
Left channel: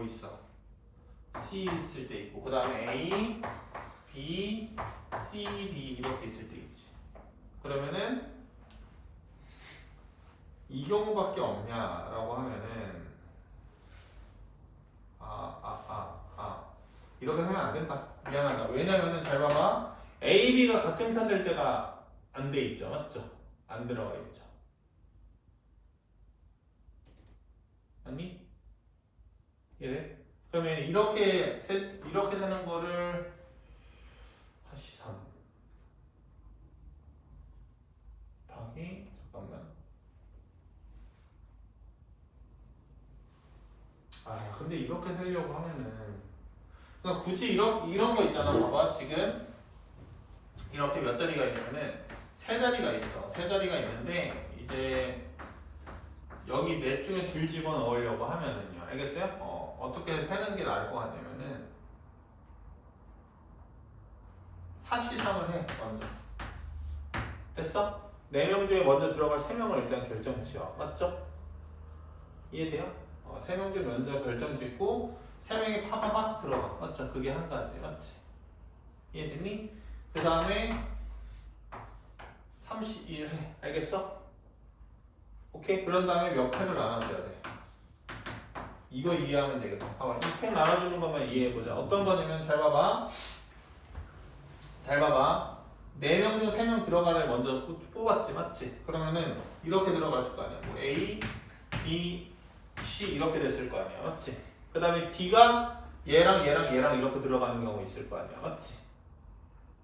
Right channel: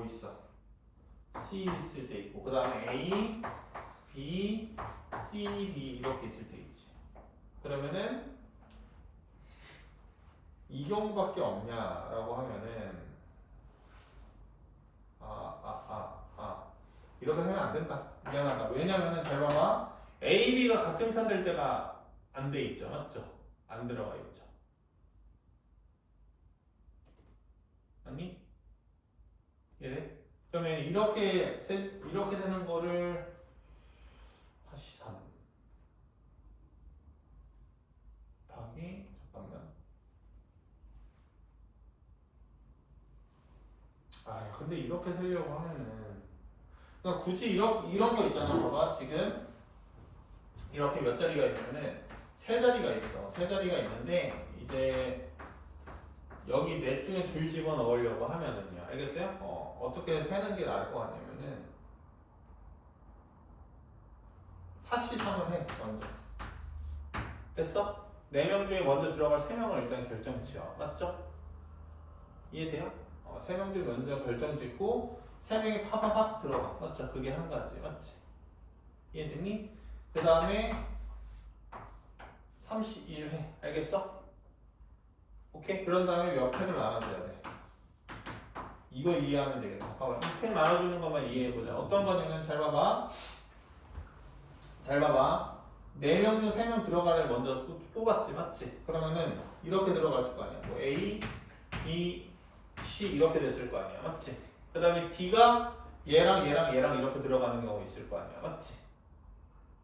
뭐 있어? C 있을 때 있고 그 다음에 A, B, C, D 이렇게 있을 때 있지. 그러면은 이 경우밖에 없냐라고 하면은 이렇게 하면 안 된다. 미안하다. 왜냐면은 잘 봐봐. A, B가 같은 편 될 때가 안 돼 있죠. 맞죠? 안 들어가 있죠. 아니? 예. 그러면 이렇게 되는 거를 다시 3 답이 잠깐만. 근데 이렇게 하려고 하면은 그러니까 굳이 이런 거 있잖아. 봐봐. 지금 이렇게 몇 자리가 있냐면은 세 자리가 있어. 세 자리가 있는데 이제 여기 넷 중에 둘 집어넣으려고 하면은요. 알겠어요? 어떻게 세는 게 나을 것 같냐면은 사시삼을 해. 먼저. 됐어? 4명 중에 먼저 들어갈 3명을 일단 결정 지어. 맞죠? 이해돼요? 3명 중에 먼저 결정 짓고 3명이 파파팍 들어가. 맞죠? 그게 한 가지. 맞지? 이해됐니? 그 다음에 31 해. 알겠어? 오케이? 그런 다음에 몇 팩을 나눠줘야 돼. 이거 이해하면 되겠다. 이 팩 나눠주는 것만 이해해보자. 어떤 거냐면 잘 봐봐. 4명 중 3명 들어가를 먼저 뽑았지. 맞지? 그러면은 이렇게 들어갔을 거 아니야. 뭐 A, B, C 이렇게 됐을 거 아니야. 맞지? 그 다음에 D가 얘랑 이렇게 들어가는 경우 있을 거 아니야. 맞지?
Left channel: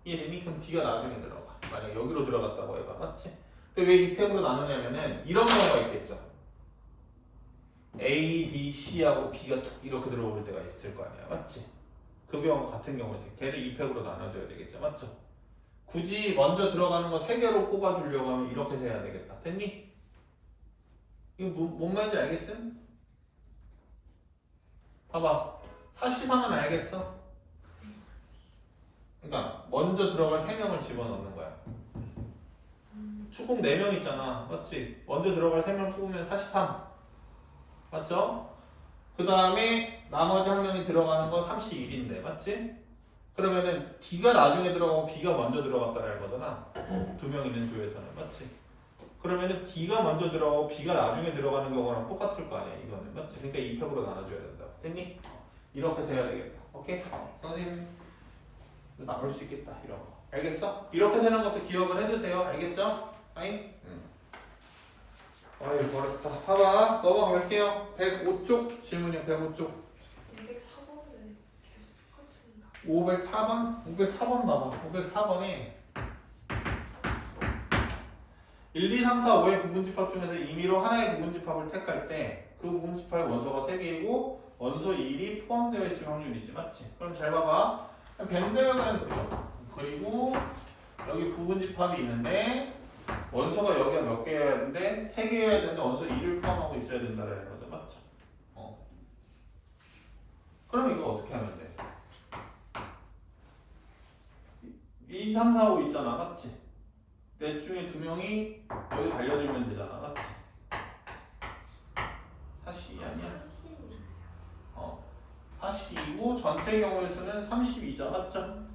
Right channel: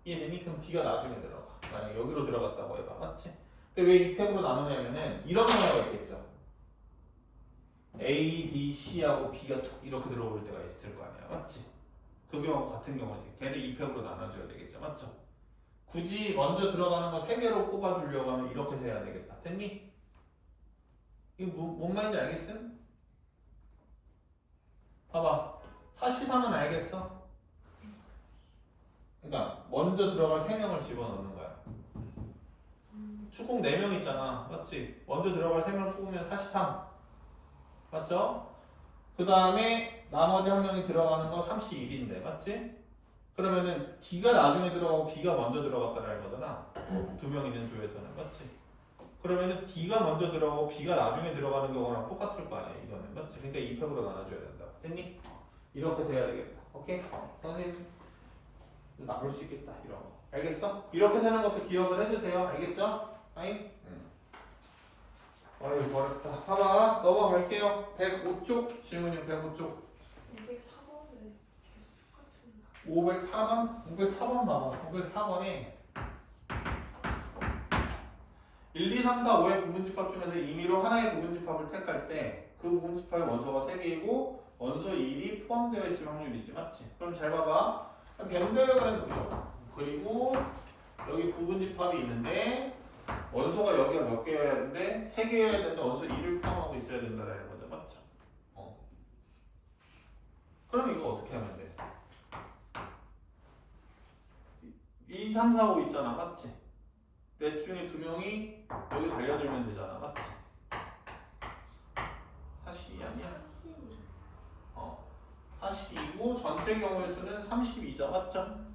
이해되니? 그럼 D가 나중에 들어가. 만약 여기로 들어갔다고 해봐. 맞지? 근데 왜 이 팩으로 나누냐면은 이런 경우가 있겠죠. A, D, C하고 B가 툭 이렇게 들어올 때가 있을 거 아니야. 맞지? 그 경우 같은 경우지. 걔를 2팩으로 나눠줘야 되겠죠. 맞죠? 굳이 먼저 들어가는 거 3개로 뽑아주려고 하면 이렇게 해야 되겠다. 됐니? 이거 뭔 말인지 알겠음? 봐봐. 사시삼은 알겠어? 그러니까 먼저 들어갈 3명을 집어넣는 거야. 축공 4명 있잖아. 맞지? 먼저 들어갈 3명 뽑으면 43. 맞죠? 그 다음에 나머지 한 명이 들어가는 건 31인데. 맞지? 그러면은 D가 나중에 들어가고 B가 먼저 들어갔다는 거잖아. 2명 있는 조에서는. 맞지? 그러면은 D가 먼저 들어가고 B가 나중에 들어가는 경우랑 똑같을 거 아니야. 이거는. 맞지? 그러니까 2팩으로 나눠줘야 된다. 됐니? 이렇게 돼야 되겠다. 오케이? 선생님 나올 수 있겠다. 이런 거. 알겠어? 이렇게 되는 것도 기억을 해주세요. 알겠죠? 아이? 아유 어렵다. 봐봐. 넘어갈게요. 105쪽 질문이요. 105쪽 204번에 계속 똑같은 답. 504번 봐봐. 504번에 1, 2, 3, 4, 5의 부분집합 중에서 임의로 하나의 부분집합을 택할 때 그 부분집합의 원소가 3개이고 원소 1이 포함되어 있을 확률이지. 맞지? 그럼 잘 봐봐. 벤더그램 그려. 그리고 여기 부분집합이 있는데 원소가 여기가 몇 개여야 되는데 3개여야 되는데 원소 2를 포함하고 있어야 된다는 거죠. 맞죠? 그럼 이거 어떻게 하면 돼? 2, 3, 4, 5 있잖아. 맞지? 넷 중에 2명이 여기 달려들면 되잖아. 맞지? 사시 아니야? 사시이고 전체 경우의 수는 32죠. 맞죠?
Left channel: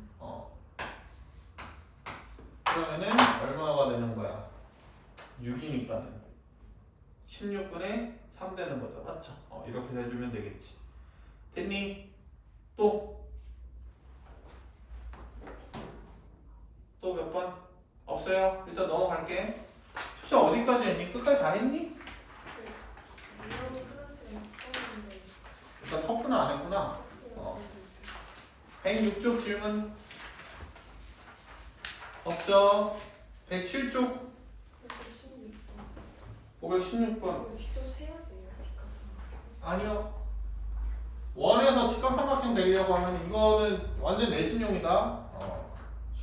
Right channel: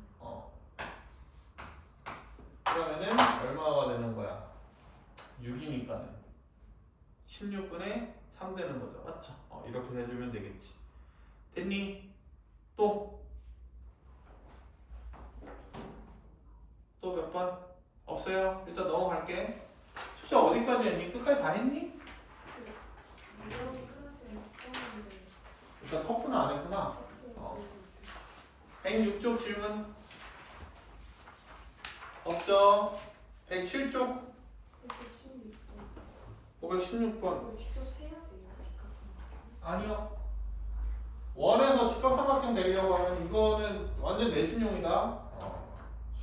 그러면은 얼마가 되는 거야? 6이니까는 16분의 3 되는 거죠. 맞죠? 이렇게 해주면 되겠지. 됐니? 또 몇 번? 없어요? 일단 넘어갈게. 숙제 어디까지 했니? 끝까지 다 했니? 이런 클래스에 있었는데 일단 터프는 안 했구나. 106쪽 질문 없죠? 107쪽 516번 516번 이거 직접 세야 돼요. 직접. 아니요. 원에서 직각삼각형 내려고 하면 이거는 완전 내신용이다.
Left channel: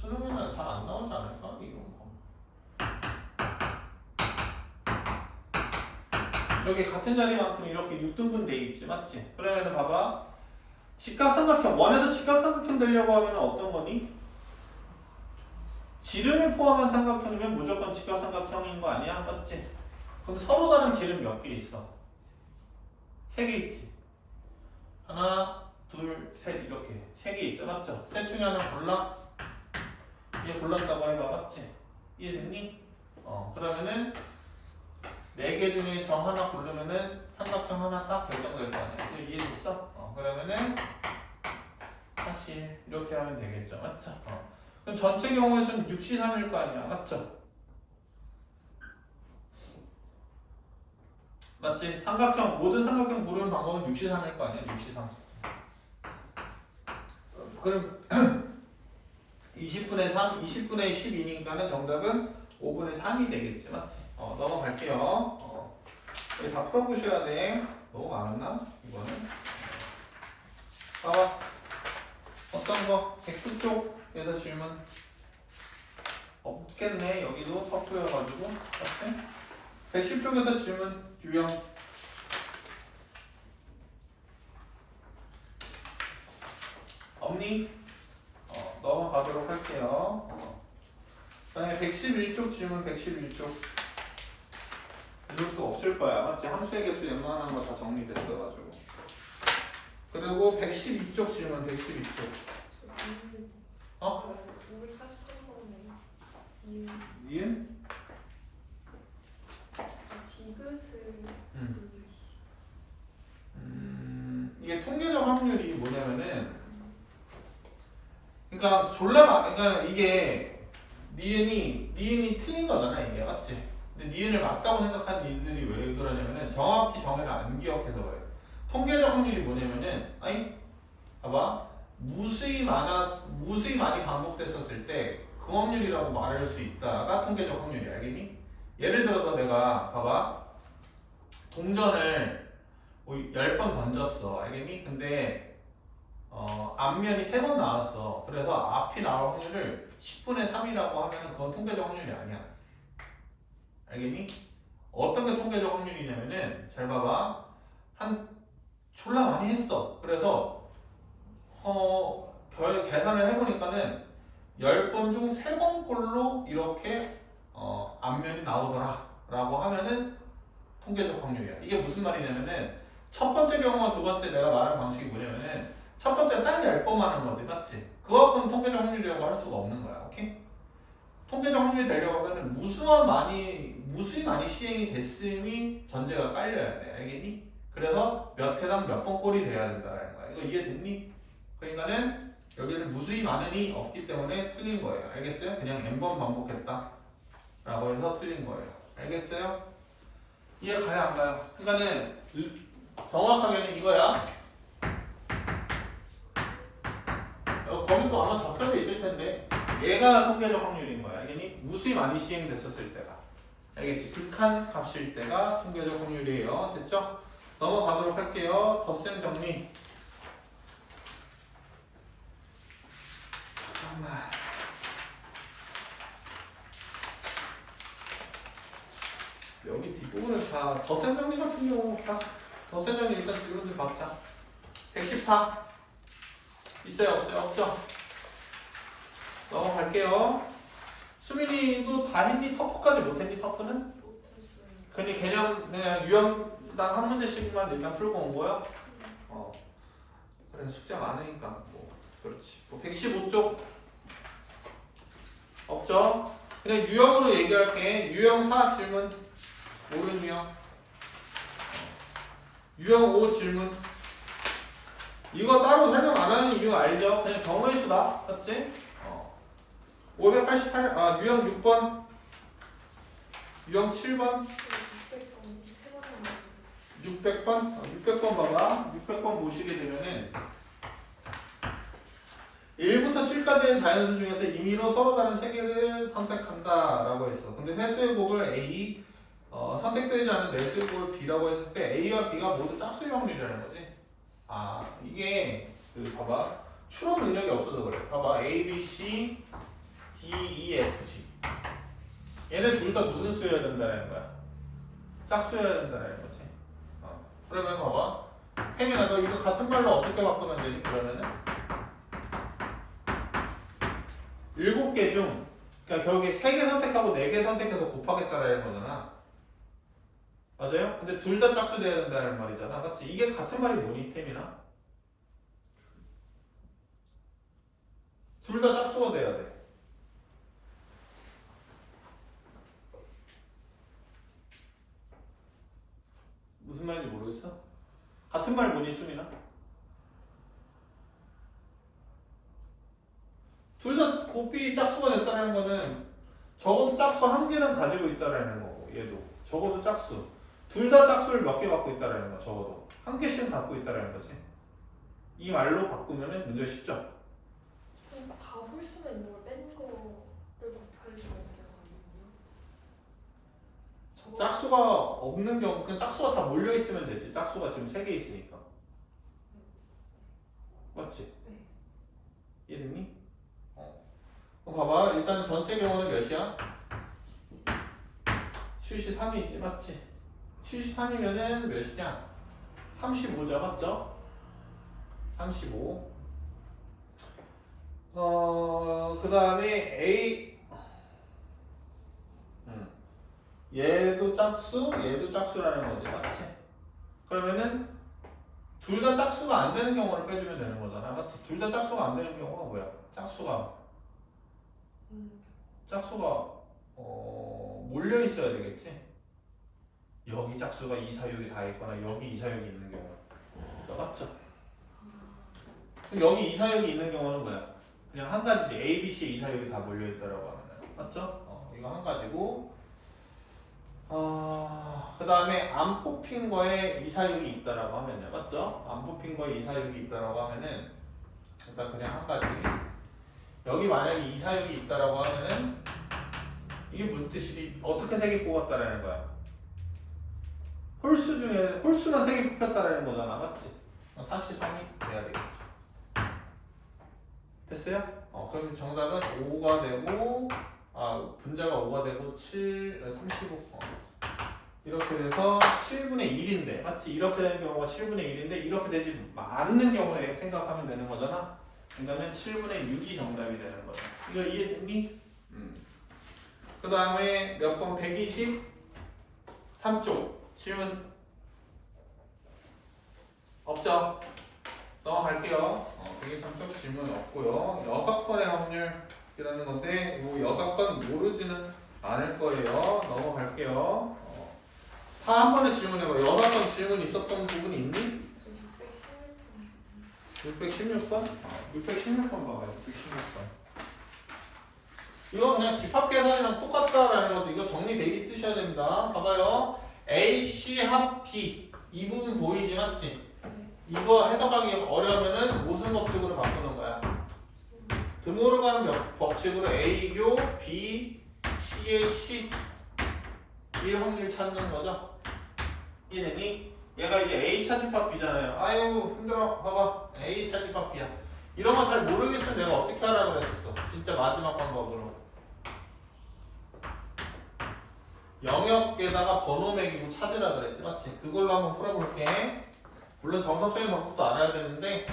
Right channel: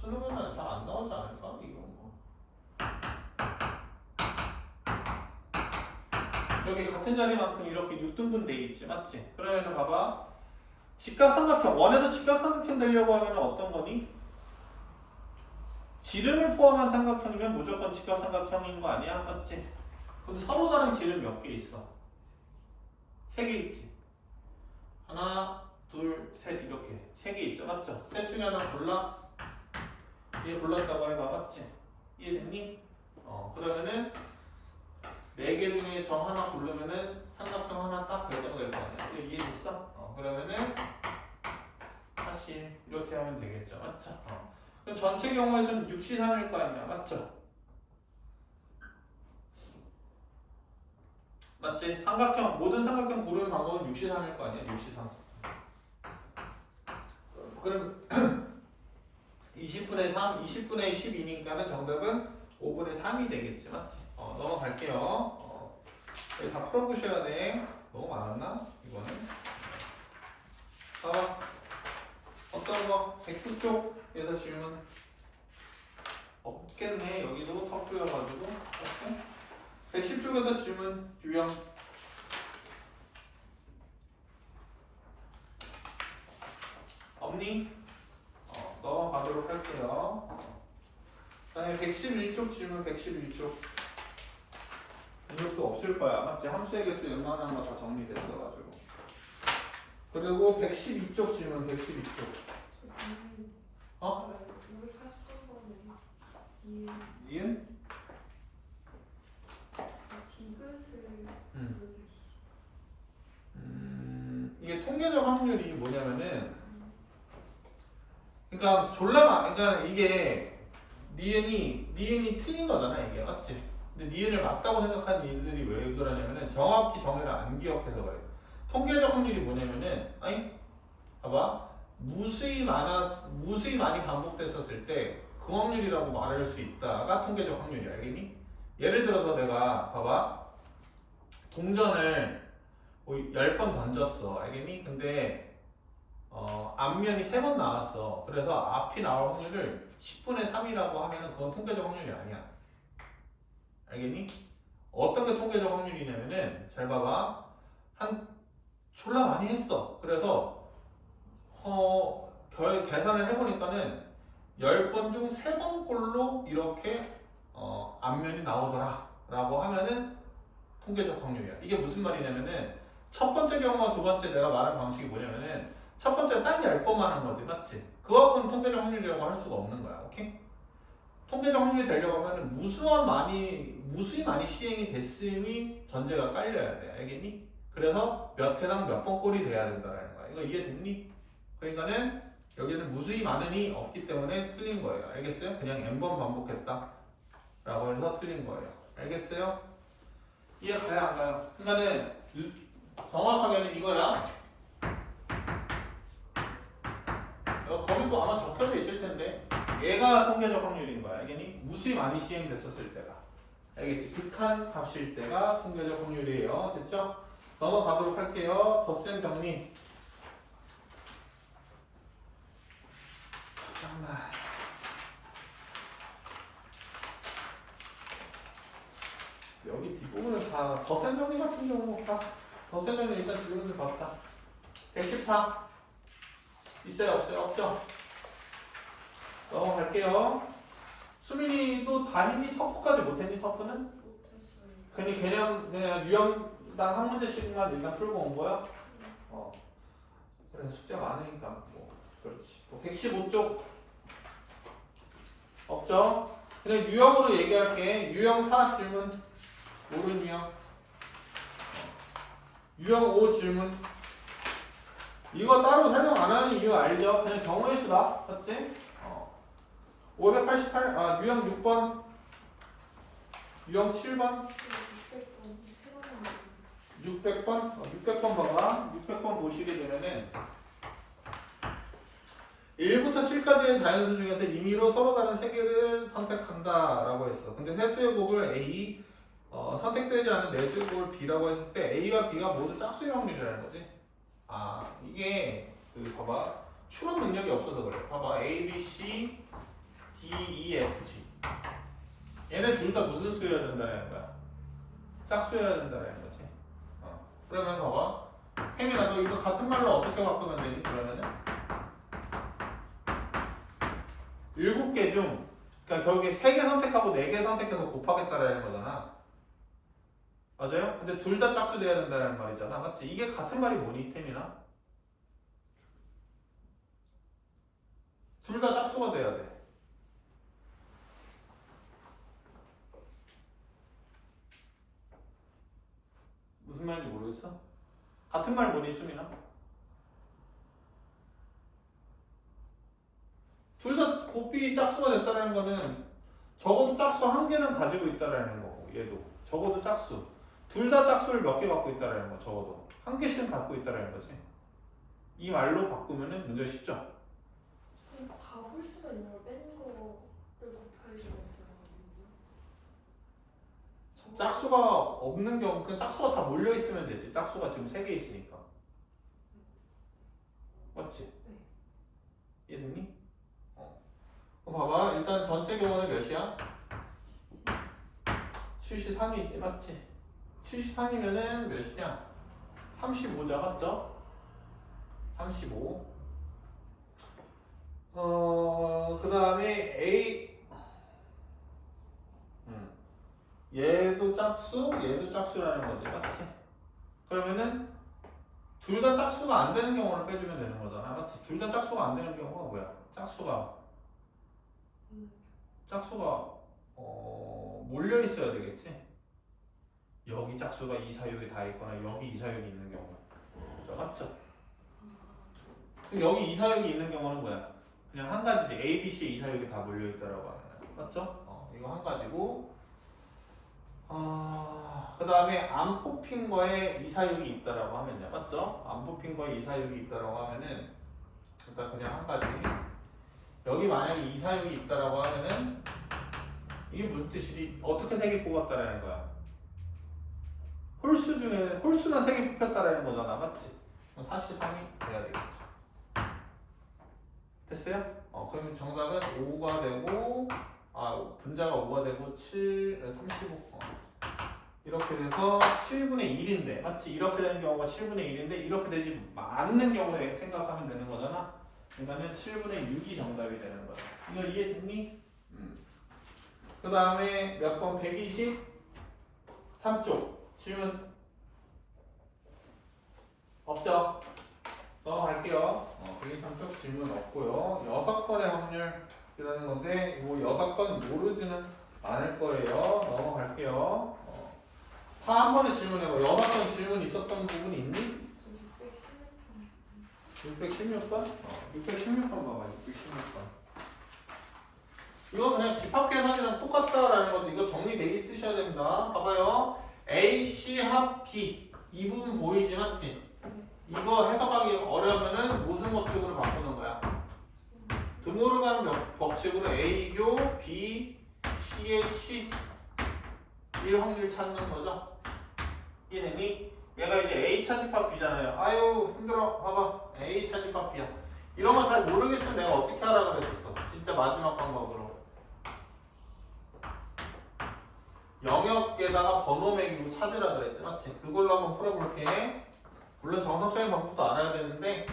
수능에는 잘 안 나오지 않을까? 이런 거. 여기 같은 자리만큼 이렇게 6등분 돼 있지. 맞지? 그러면은 봐봐. 직각삼각형, 원에서 직각삼각형 되려고 하면 어떤 거니? 지름을 포함한 삼각형이면 무조건 직각삼각형인 거 아니야? 맞지? 그럼 서로 다른 지름 몇 개 있어? 3개 있지. 하나, 둘, 셋 이렇게 세 개 있죠, 맞죠? 셋 중에 하나 골라. 얘 골랐다고 해봐, 맞지? 이해됐니? 그러면은 네 개 중에 정 하나 고르면은 삼각형 하나 딱 결정될 거 아니야. 이거 이해됐어? 그러면은 사실 이렇게 하면 되겠죠, 맞죠? 그럼 전체 경우에서는 6시3일 거 아니야, 맞죠? 맞지? 삼각형 모든 삼각형 고르는 방법은 6시3일 거 아니야, 6시3. 그럼 20분의 3, 20분의 12니까는 정답은 5분의 3이 되겠지, 맞지? 넘어갈게요. 여기 다 풀어보셔야 돼. 너무 많았나? 이거는. 봐봐. 어떤 거? X 쪽에서 질문 없겠네. 여기도 터프여가지고. 오케이? 110쪽에서 질문 유형. 없니? 넘어가도록 할게요. 그다음에 111쪽 질문 111쪽. 이것도 없을 거야. 맞지? 함수의 개수 웬만한 거 다 정리됐어가지고. 그리고 112쪽 질문 112쪽. 543번에 니은? 디귿을 이게 통계적 확률이 뭐냐면은, 그러니까 그러니까 이게 니은이 틀린 거잖아, 이게. 맞지? 근데 니은을 맞다고 생각하는 이들이 왜 그러냐면은 정확히 정의를 안 기억해서 그래. 통계적 확률이 뭐냐면은, 봐봐. 무수히 많이 반복됐었을 때 그 확률이라고 말할 수 있다가 통계적 확률이, 알겠니? 예를 들어서 내가 봐봐. 동전을 뭐 10번 던졌어, 알겠니? 근데 앞면이 3번 나왔어. 그래서 앞이 나올 확률을 10분의 3이라고 하면은 그건 통계적 확률이 아니야. 알겠니? 어떤 게 통계적 확률이냐면은, 잘 봐봐. 졸라 많이 했어. 그래서 계산을 해보니까는 10번 중 3번 꼴로 이렇게 앞면이 나오더라 라고 하면은 통계적 확률이야. 이게 무슨 말이냐면은, 첫 번째 경우와 두 번째 내가 말하는 방식이 뭐냐면은, 첫 번째 딱 10번만 한 거지, 맞지? 그거 갖고는 통계적 확률이라고 할 수가 없는 거야. 오케이? 통계적 확률이 되려고 하면은 무수히 많이 시행이 됐음이 전제가 깔려야 돼. 알겠니? 그래서 몇 회당 몇 번 꼴이 돼야 된다는 거야. 이거 이해됐니? 그러니까는 여기는 무수히 많음이 없기 때문에 틀린 거예요. 알겠어요? 그냥 n번 반복했다 라고 해서 틀린 거예요. 알겠어요? 이해 가요, 안 가요? 그러니까는 정확하게는 이거야. 거기 또 아마 적혀져 있을 텐데, 얘가 통계적 확률인 거야. 알겠니? 무수히 많이 시행됐었을 때가. 알겠지? 극한 값일 때가 통계적 확률이에요. 됐죠? 넘어가도록 할게요. 덧셈 정리. 잠깐만. 여기 뒷부분은 다 덧셈 정리 같은 경우 다 덧셈 정리 일단 질문 좀 받자. 114 있어요, 없어요? 없죠? 넘어갈게요. 수민이도 다 했니? 터프까지 못했니? 터프는? 못했어요. 그냥 유형당 한 문제씩만 일단 풀고 온 거야? 그래서 숙제 많으니까 뭐 그렇지. 115쪽 없죠? 그냥 유형으로 얘기할게. 유형 4 질문 모르는 유형. 유형 5 질문. 이거 따로 설명 안 하는 이유 알죠? 그냥 경우의 수다. 맞지? 588, 유형 6번, 유형 7번, 600번? 600번 봐봐. 600번 보시게 되면은 1부터 7까지의 자연수 중에서 임의로 서로 다른 세 개를 선택한다 라고 했어. 근데 세수의 곱을 A, 선택되지 않은 내수의 곱을 B라고 했을 때 A와 B가 모두 짝수의 확률이라는 거지. 이게 봐봐. 추론 능력이 없어서 그래. 봐봐. A, B, C, D, E, F, G. 얘네 둘 다 무슨 수여야 된다는 거야? 짝수여야 된다는 거지. 그러면 봐봐. 혜민아, 너 이거 같은 말로 어떻게 바꾸면 되니? 그러면은 7개 중, 그러니까 결국에 3개 선택하고 4개 선택해서 곱하겠다라는 거잖아. 맞아요? 근데 둘 다 짝수 돼야 된다는 말이잖아. 맞지? 이게 같은 말이 뭐니, 혜민아? 무슨 말인지 모르겠어? 같은 말 뭐니 수민아? 둘 다 곱비 짝수가 됐다는 거는 적어도 짝수 한 개는 가지고 있다라는 거고 얘도 적어도 짝수 둘 다 짝수를 몇 개 갖고 있다라는 거 적어도 한 개씩은 갖고 있다라는 거지. 이 말로 바꾸면은 문제가 쉽죠? 그럼 다 홀수면 이걸 뺀 거를 곱해주면 되거든요. 짝수가 없는 경우 그냥 짝수가 다 몰려 있으면 되지. 짝수가 지금 3개 있으니까. 맞지? 네. 이해됐니? 봐봐. 일단 전체 경우는 몇이야? 73이지. 맞지? 73이면은 몇이냐? 35자. 맞죠? 35. 그 다음에 A. 얘도 짝수, 얘도 짝수라는 거지. 맞지? 그러면은 둘 다 짝수가 안 되는 경우를 빼주면 되는 거잖아. 맞지? 둘 다 짝수가 안 되는 경우가 뭐야? 짝수가 몰려 있어야 되겠지. 여기 짝수가 이사육이 다 있거나 여기 이사육이 있는 경우. 자, 맞죠? 그럼 여기 이사육이 있는 경우는 뭐야? 그냥 한 가지지. A, B, C 이사육이 다 몰려 있다라고 하면. 맞죠? 이거 한 가지고. 그 다음에 안 뽑힌 거에 이사육이 있다라고 하면요. 맞죠? 안 뽑힌 거에 이사육이 있다라고 하면은 일단 그냥 한 가지. 여기 만약에 이사육이 있다라고 하면은 이게 무슨 뜻이지? 어떻게 3개 뽑았다라는 거야? 홀수 중에 홀수만 3개 뽑혔다라는 거잖아. 맞지? 사시삼이 돼야 되겠지. 됐어요? 그러면 정답은 5가 되고 분자가 5가 되고 35 이렇게 돼서 7분의 1인데 맞지? 이렇게 되는 경우가 7분의 1인데 이렇게 되지 않는 경우에 생각하면 되는 거잖아. 그러니까는 7분의 6이 정답이 되는 거야. 이거 이해됐니? 그 다음에 몇 번? 123쪽 질문 없죠? 넘어갈게요. 123쪽 질문 없고요. 6건의 확률이라는 건데 뭐 6건 모르지는 않을 거예요. 넘어갈게요. 다 한 번에 질문해봐. 6건 질문 있었던 부분이 있니? 616번? 616번 봐봐. 616번. 이거 그냥 집합계산이랑 똑같다라는 거죠. 이거 정리돼 있으셔야 됩니다. 봐봐요. A, C 합 B 이 부분 보이지 맞지? 이거 해석하기 어려우면은 무슨 법칙으로 바꾸는 거야? 등호로 가는 법칙으로 A교 B, C의 C 일 확률 찾는 거죠. 이해됐니? 얘가 이제 A 차집합 B잖아요. 아유 힘들어. 봐봐. A 차집합 B야. 이런 거 잘 모르겠으면 내가 어떻게 하라 그랬었어. 진짜 마지막 방법으로. 영역에다가 번호 매기고 찾으라 그랬지. 맞지? 그걸로 한번 풀어볼게. 물론 정석적인 방법도 알아야 되는데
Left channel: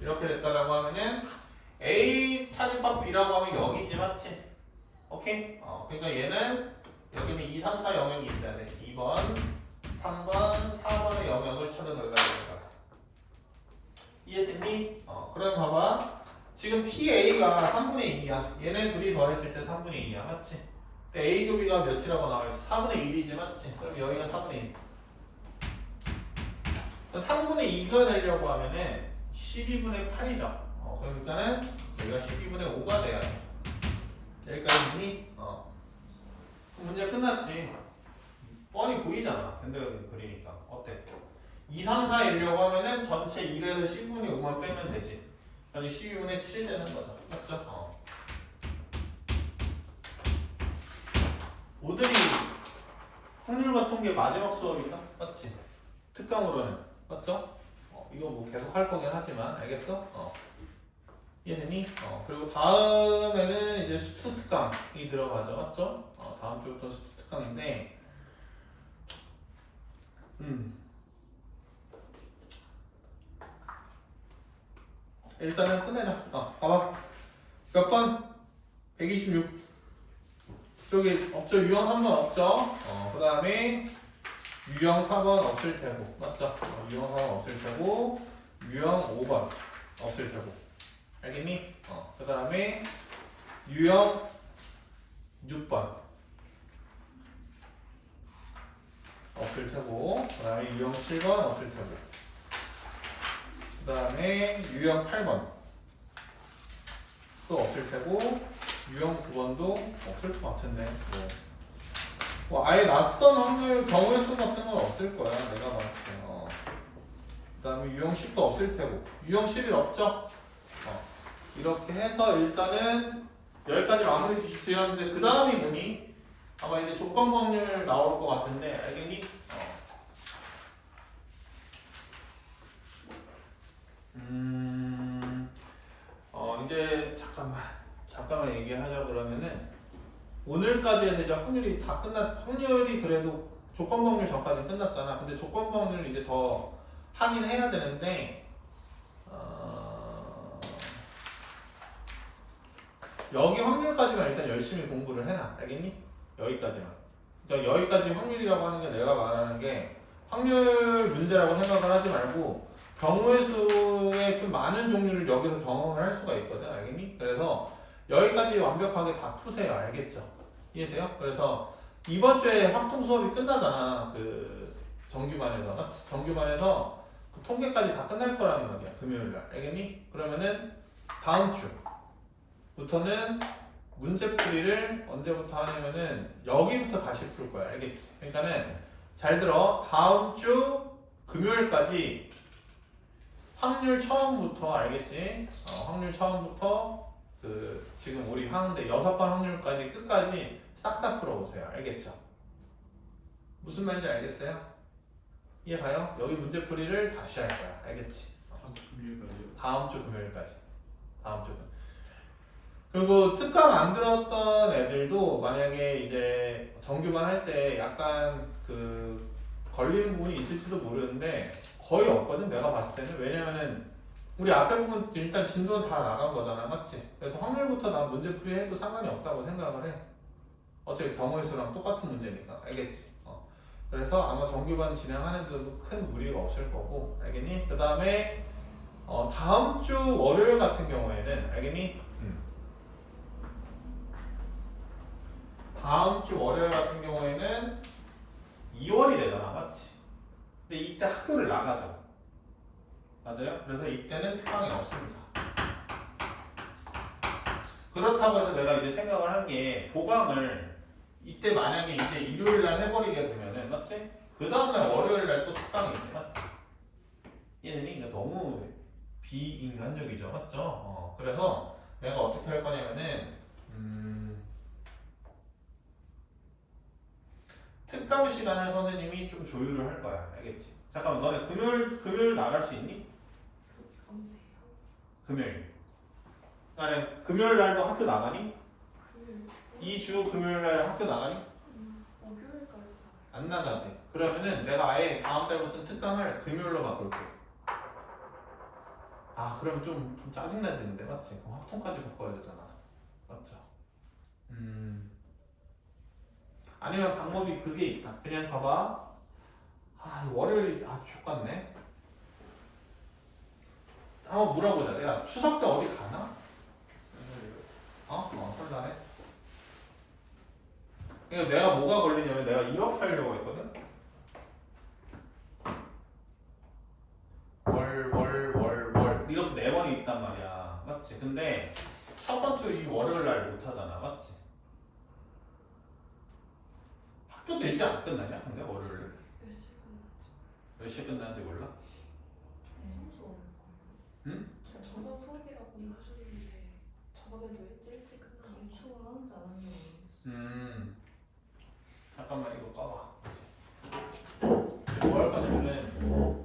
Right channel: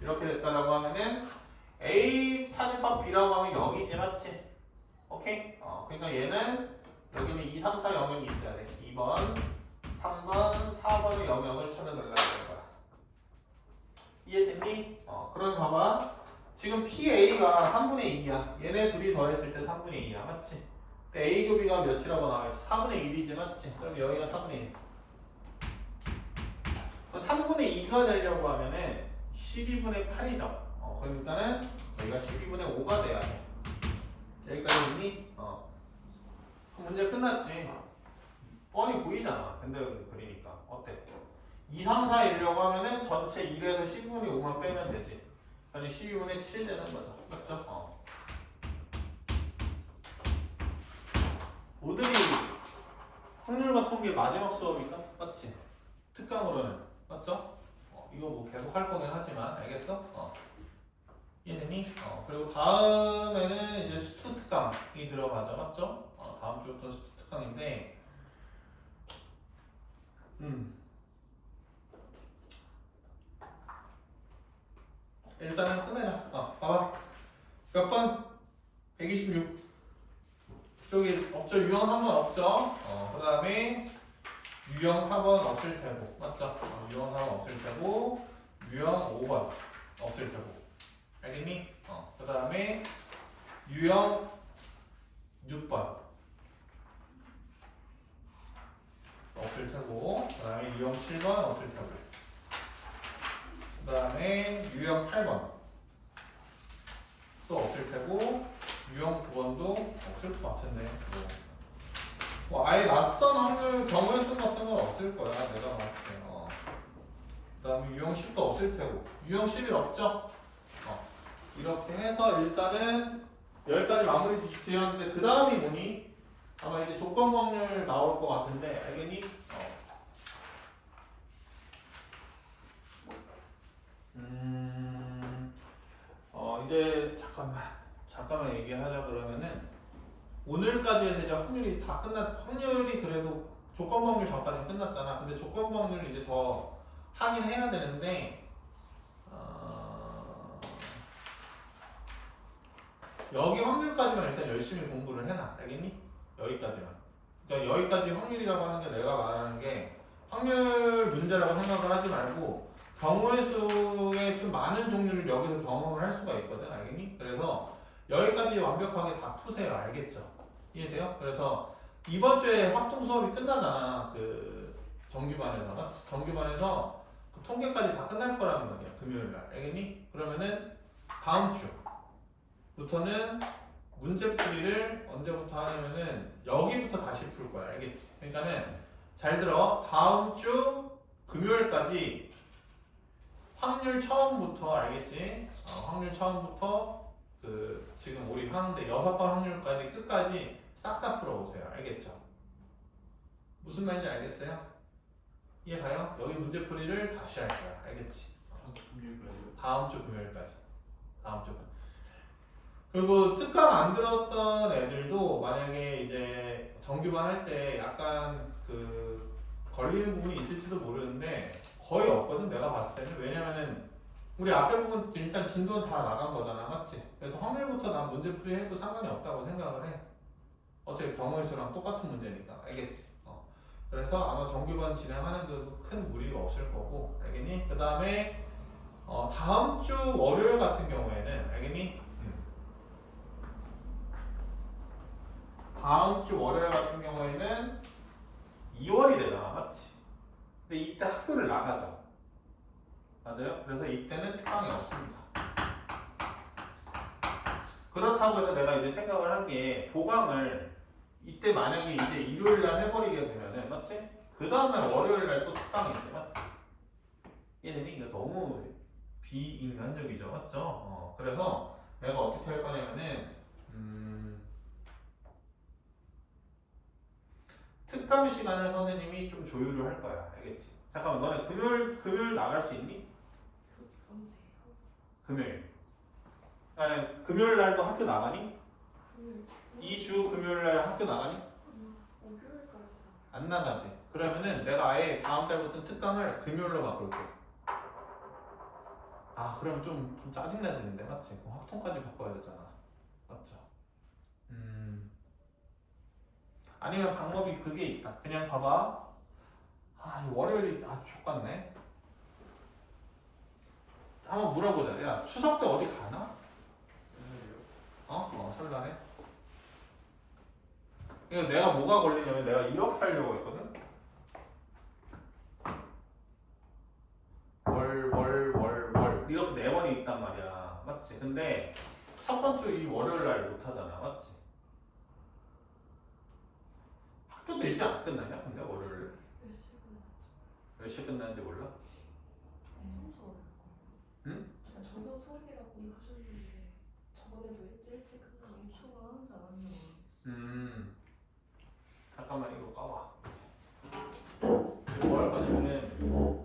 이렇게 됐다라고 하면은 A 차집합 B라고 하면 여기지. 맞지? 오케이? 그러니까 얘는 여기는 2, 3, 4 영역이 있어야 돼. 2번, 3번, 4번의 영역을 찾아내려야 된다. 이해됐니? 그럼 봐봐. 지금 PA가 3분의 2야. 얘네 둘이 더했을 때 3분의 2야. 맞지? 근데 A 교 B가 몇이라고 나와있어? 4분의 1이지. 맞지? 그럼 여기가 4분의 1. 3분의 2가 되려고 하면은 12분의 8이죠. 그러니까는 여기가 12분의 5가 돼야 돼. 여기까지 있니? 문제 끝났지. 뻔히 보이잖아. 밴드그램 그리니까. 어때? 2, 3, 4 이려고 하면은 전체 1에서 10분의 5만 빼면 되지. 그럼 12분의 7 되는 거죠. 맞죠? 오들이 확률과 통계 마지막 수업인가? 맞지? 특강으로는. 맞죠? 이거 뭐 계속 할 거긴 하지만 알겠어? 이해되니? 그리고 다음에는 이제 수트 특강이 들어가죠. 맞죠? 다음 주부터 수트 특강인데 일단은 끝내자. 봐봐. 몇 번? 126. 저기 없죠? 유형 3번 없죠? 그 다음에 유형 4번 없을 테고. 맞죠? 유형 4번 없을 테고 유형 5번 없을 테고. 알겠니? 그 다음에 유형 6번 없을 테고, 그 다음에 유형 7번 없을 테고, 그 다음에 유형 8번 또 없을 테고, 유형 9번도 없을 것 같은데 뭐 아예 낯선 확률 경우의 수 같은 건 없을 거야 내가 봤을 때. 그 다음에 유형 10도 없을 테고, 유형 11 없죠? 이렇게 해서 일단은 여기까지 마무리 지었는데 그 다음이 뭐니? 아마 이제 조건 확률 나올 것 같은데 알겠니? 이제 잠깐만 얘기하자. 그러면은 오늘까지는 이제 확률이 그래도 조건 확률 전까지는 끝났잖아. 근데 조건 확률 이제 더 하긴 해야 되는데 여기 확률까지만 일단 열심히 공부를 해놔. 알겠니? 여기까지만. 그러니까 여기까지 확률이라고 하는 게 내가 말하는 게 확률 문제라고 생각을 하지 말고 경우의 수의 좀 많은 종류를 여기서 경험을 할 수가 있거든. 알겠니? 그래서 여기까지 완벽하게 다 푸세요. 알겠죠? 이해돼요? 그래서 이번 주에 확통 수업이 끝나잖아. 그 정규반에서 그 통계까지 다 끝날 거라는 말이야. 금요일날. 알겠니? 그러면은 다음 주부터는 문제풀이를 언제부터 하냐면은 여기부터 다시 풀 거야. 알겠지? 그러니까는 잘 들어. 다음 주 금요일까지 확률 처음부터 알겠지? 확률 처음부터 그 지금 우리 하는데 6번 확률까지 끝까지 싹 다 풀어보세요. 알겠죠? 무슨 말인지 알겠어요? 이해가요? 여기 문제풀이를 다시 할 거야. 알겠지? 다음 주 금요일까지. 다음 주. 그리고 특강 안 들었던 애들도 만약에 이제 정규반 할 때 약간 그 걸리는 부분이 있을지도 모르는데 거의 없거든. 내가 봤을 때는. 왜냐면은 우리 앞에 부분 일단 진도는 다 나간 거잖아. 맞지? 그래서 확률부터 난 문제풀이 해도 상관이 없다고 생각을 해. 어차피 경우의 수랑 똑같은 문제니까. 알겠지? 그래서 아마 정규반 진행하는 데도 큰 무리가 없을 거고. 알겠니? 그 다음에 다음 주 월요일 같은 경우에는 알겠니? 다음 주 월요일 같은 경우에는 2월이 되잖아. 맞지? 근데 이때 학교를 나가죠. 맞아요? 그래서 이때는 특강이 없습니다. 그렇다고 해서 내가 이제 생각을 한 게 보강을 이때 만약에 이제 일요일 날 해버리게 되면은 맞지? 그 다음날 월요일 날 또 특강이 있지. 맞지? 얘네는 이거 너무 비인간적이죠. 맞죠? 그래서 내가 어떻게 할 거냐면은 특강 시간을 선생님이 좀 조율을 할 거야. 알겠지? 잠깐만, 너네 금요일 나갈 수 있니? 언제요? 금요일. 아니, 금요일 날도 학교 나가니? 금요일. 2주 금요일 날 학교 나가니? 목요일까지 안 나가지. 그러면은 내가 아예 다음 달부터 특강을 금요일로 바꿀게. 아, 그럼 좀 짜증나지는데, 맞지? 그럼 확통까지 바꿔야 되잖아. 맞죠? 아니면 방법이 그게 있다. 그냥 봐봐. 월요일이 족같네. 한번 물어보자. 야, 추석 때 어디 가나? 설날에. 그러니까 내가 뭐가 걸리냐면 내가 이렇게 하려고 했거든. 월 이렇게 4번이 있단 말이야. 맞지? 근데 첫 번째 이 월요일 날 못 하잖아. 맞지? 학교도 일찍 안 끝나냐? 근데 월요일에 몇 시 끝났죠? 몇 시에 끝나는지 몰라? 수업. 응? 전공 수업이라고 하셨는데 저번에도 일찍 끝나고 추월 하는지 안 하는지 잠깐만 이거 꺼봐. 뭐 할 거냐면은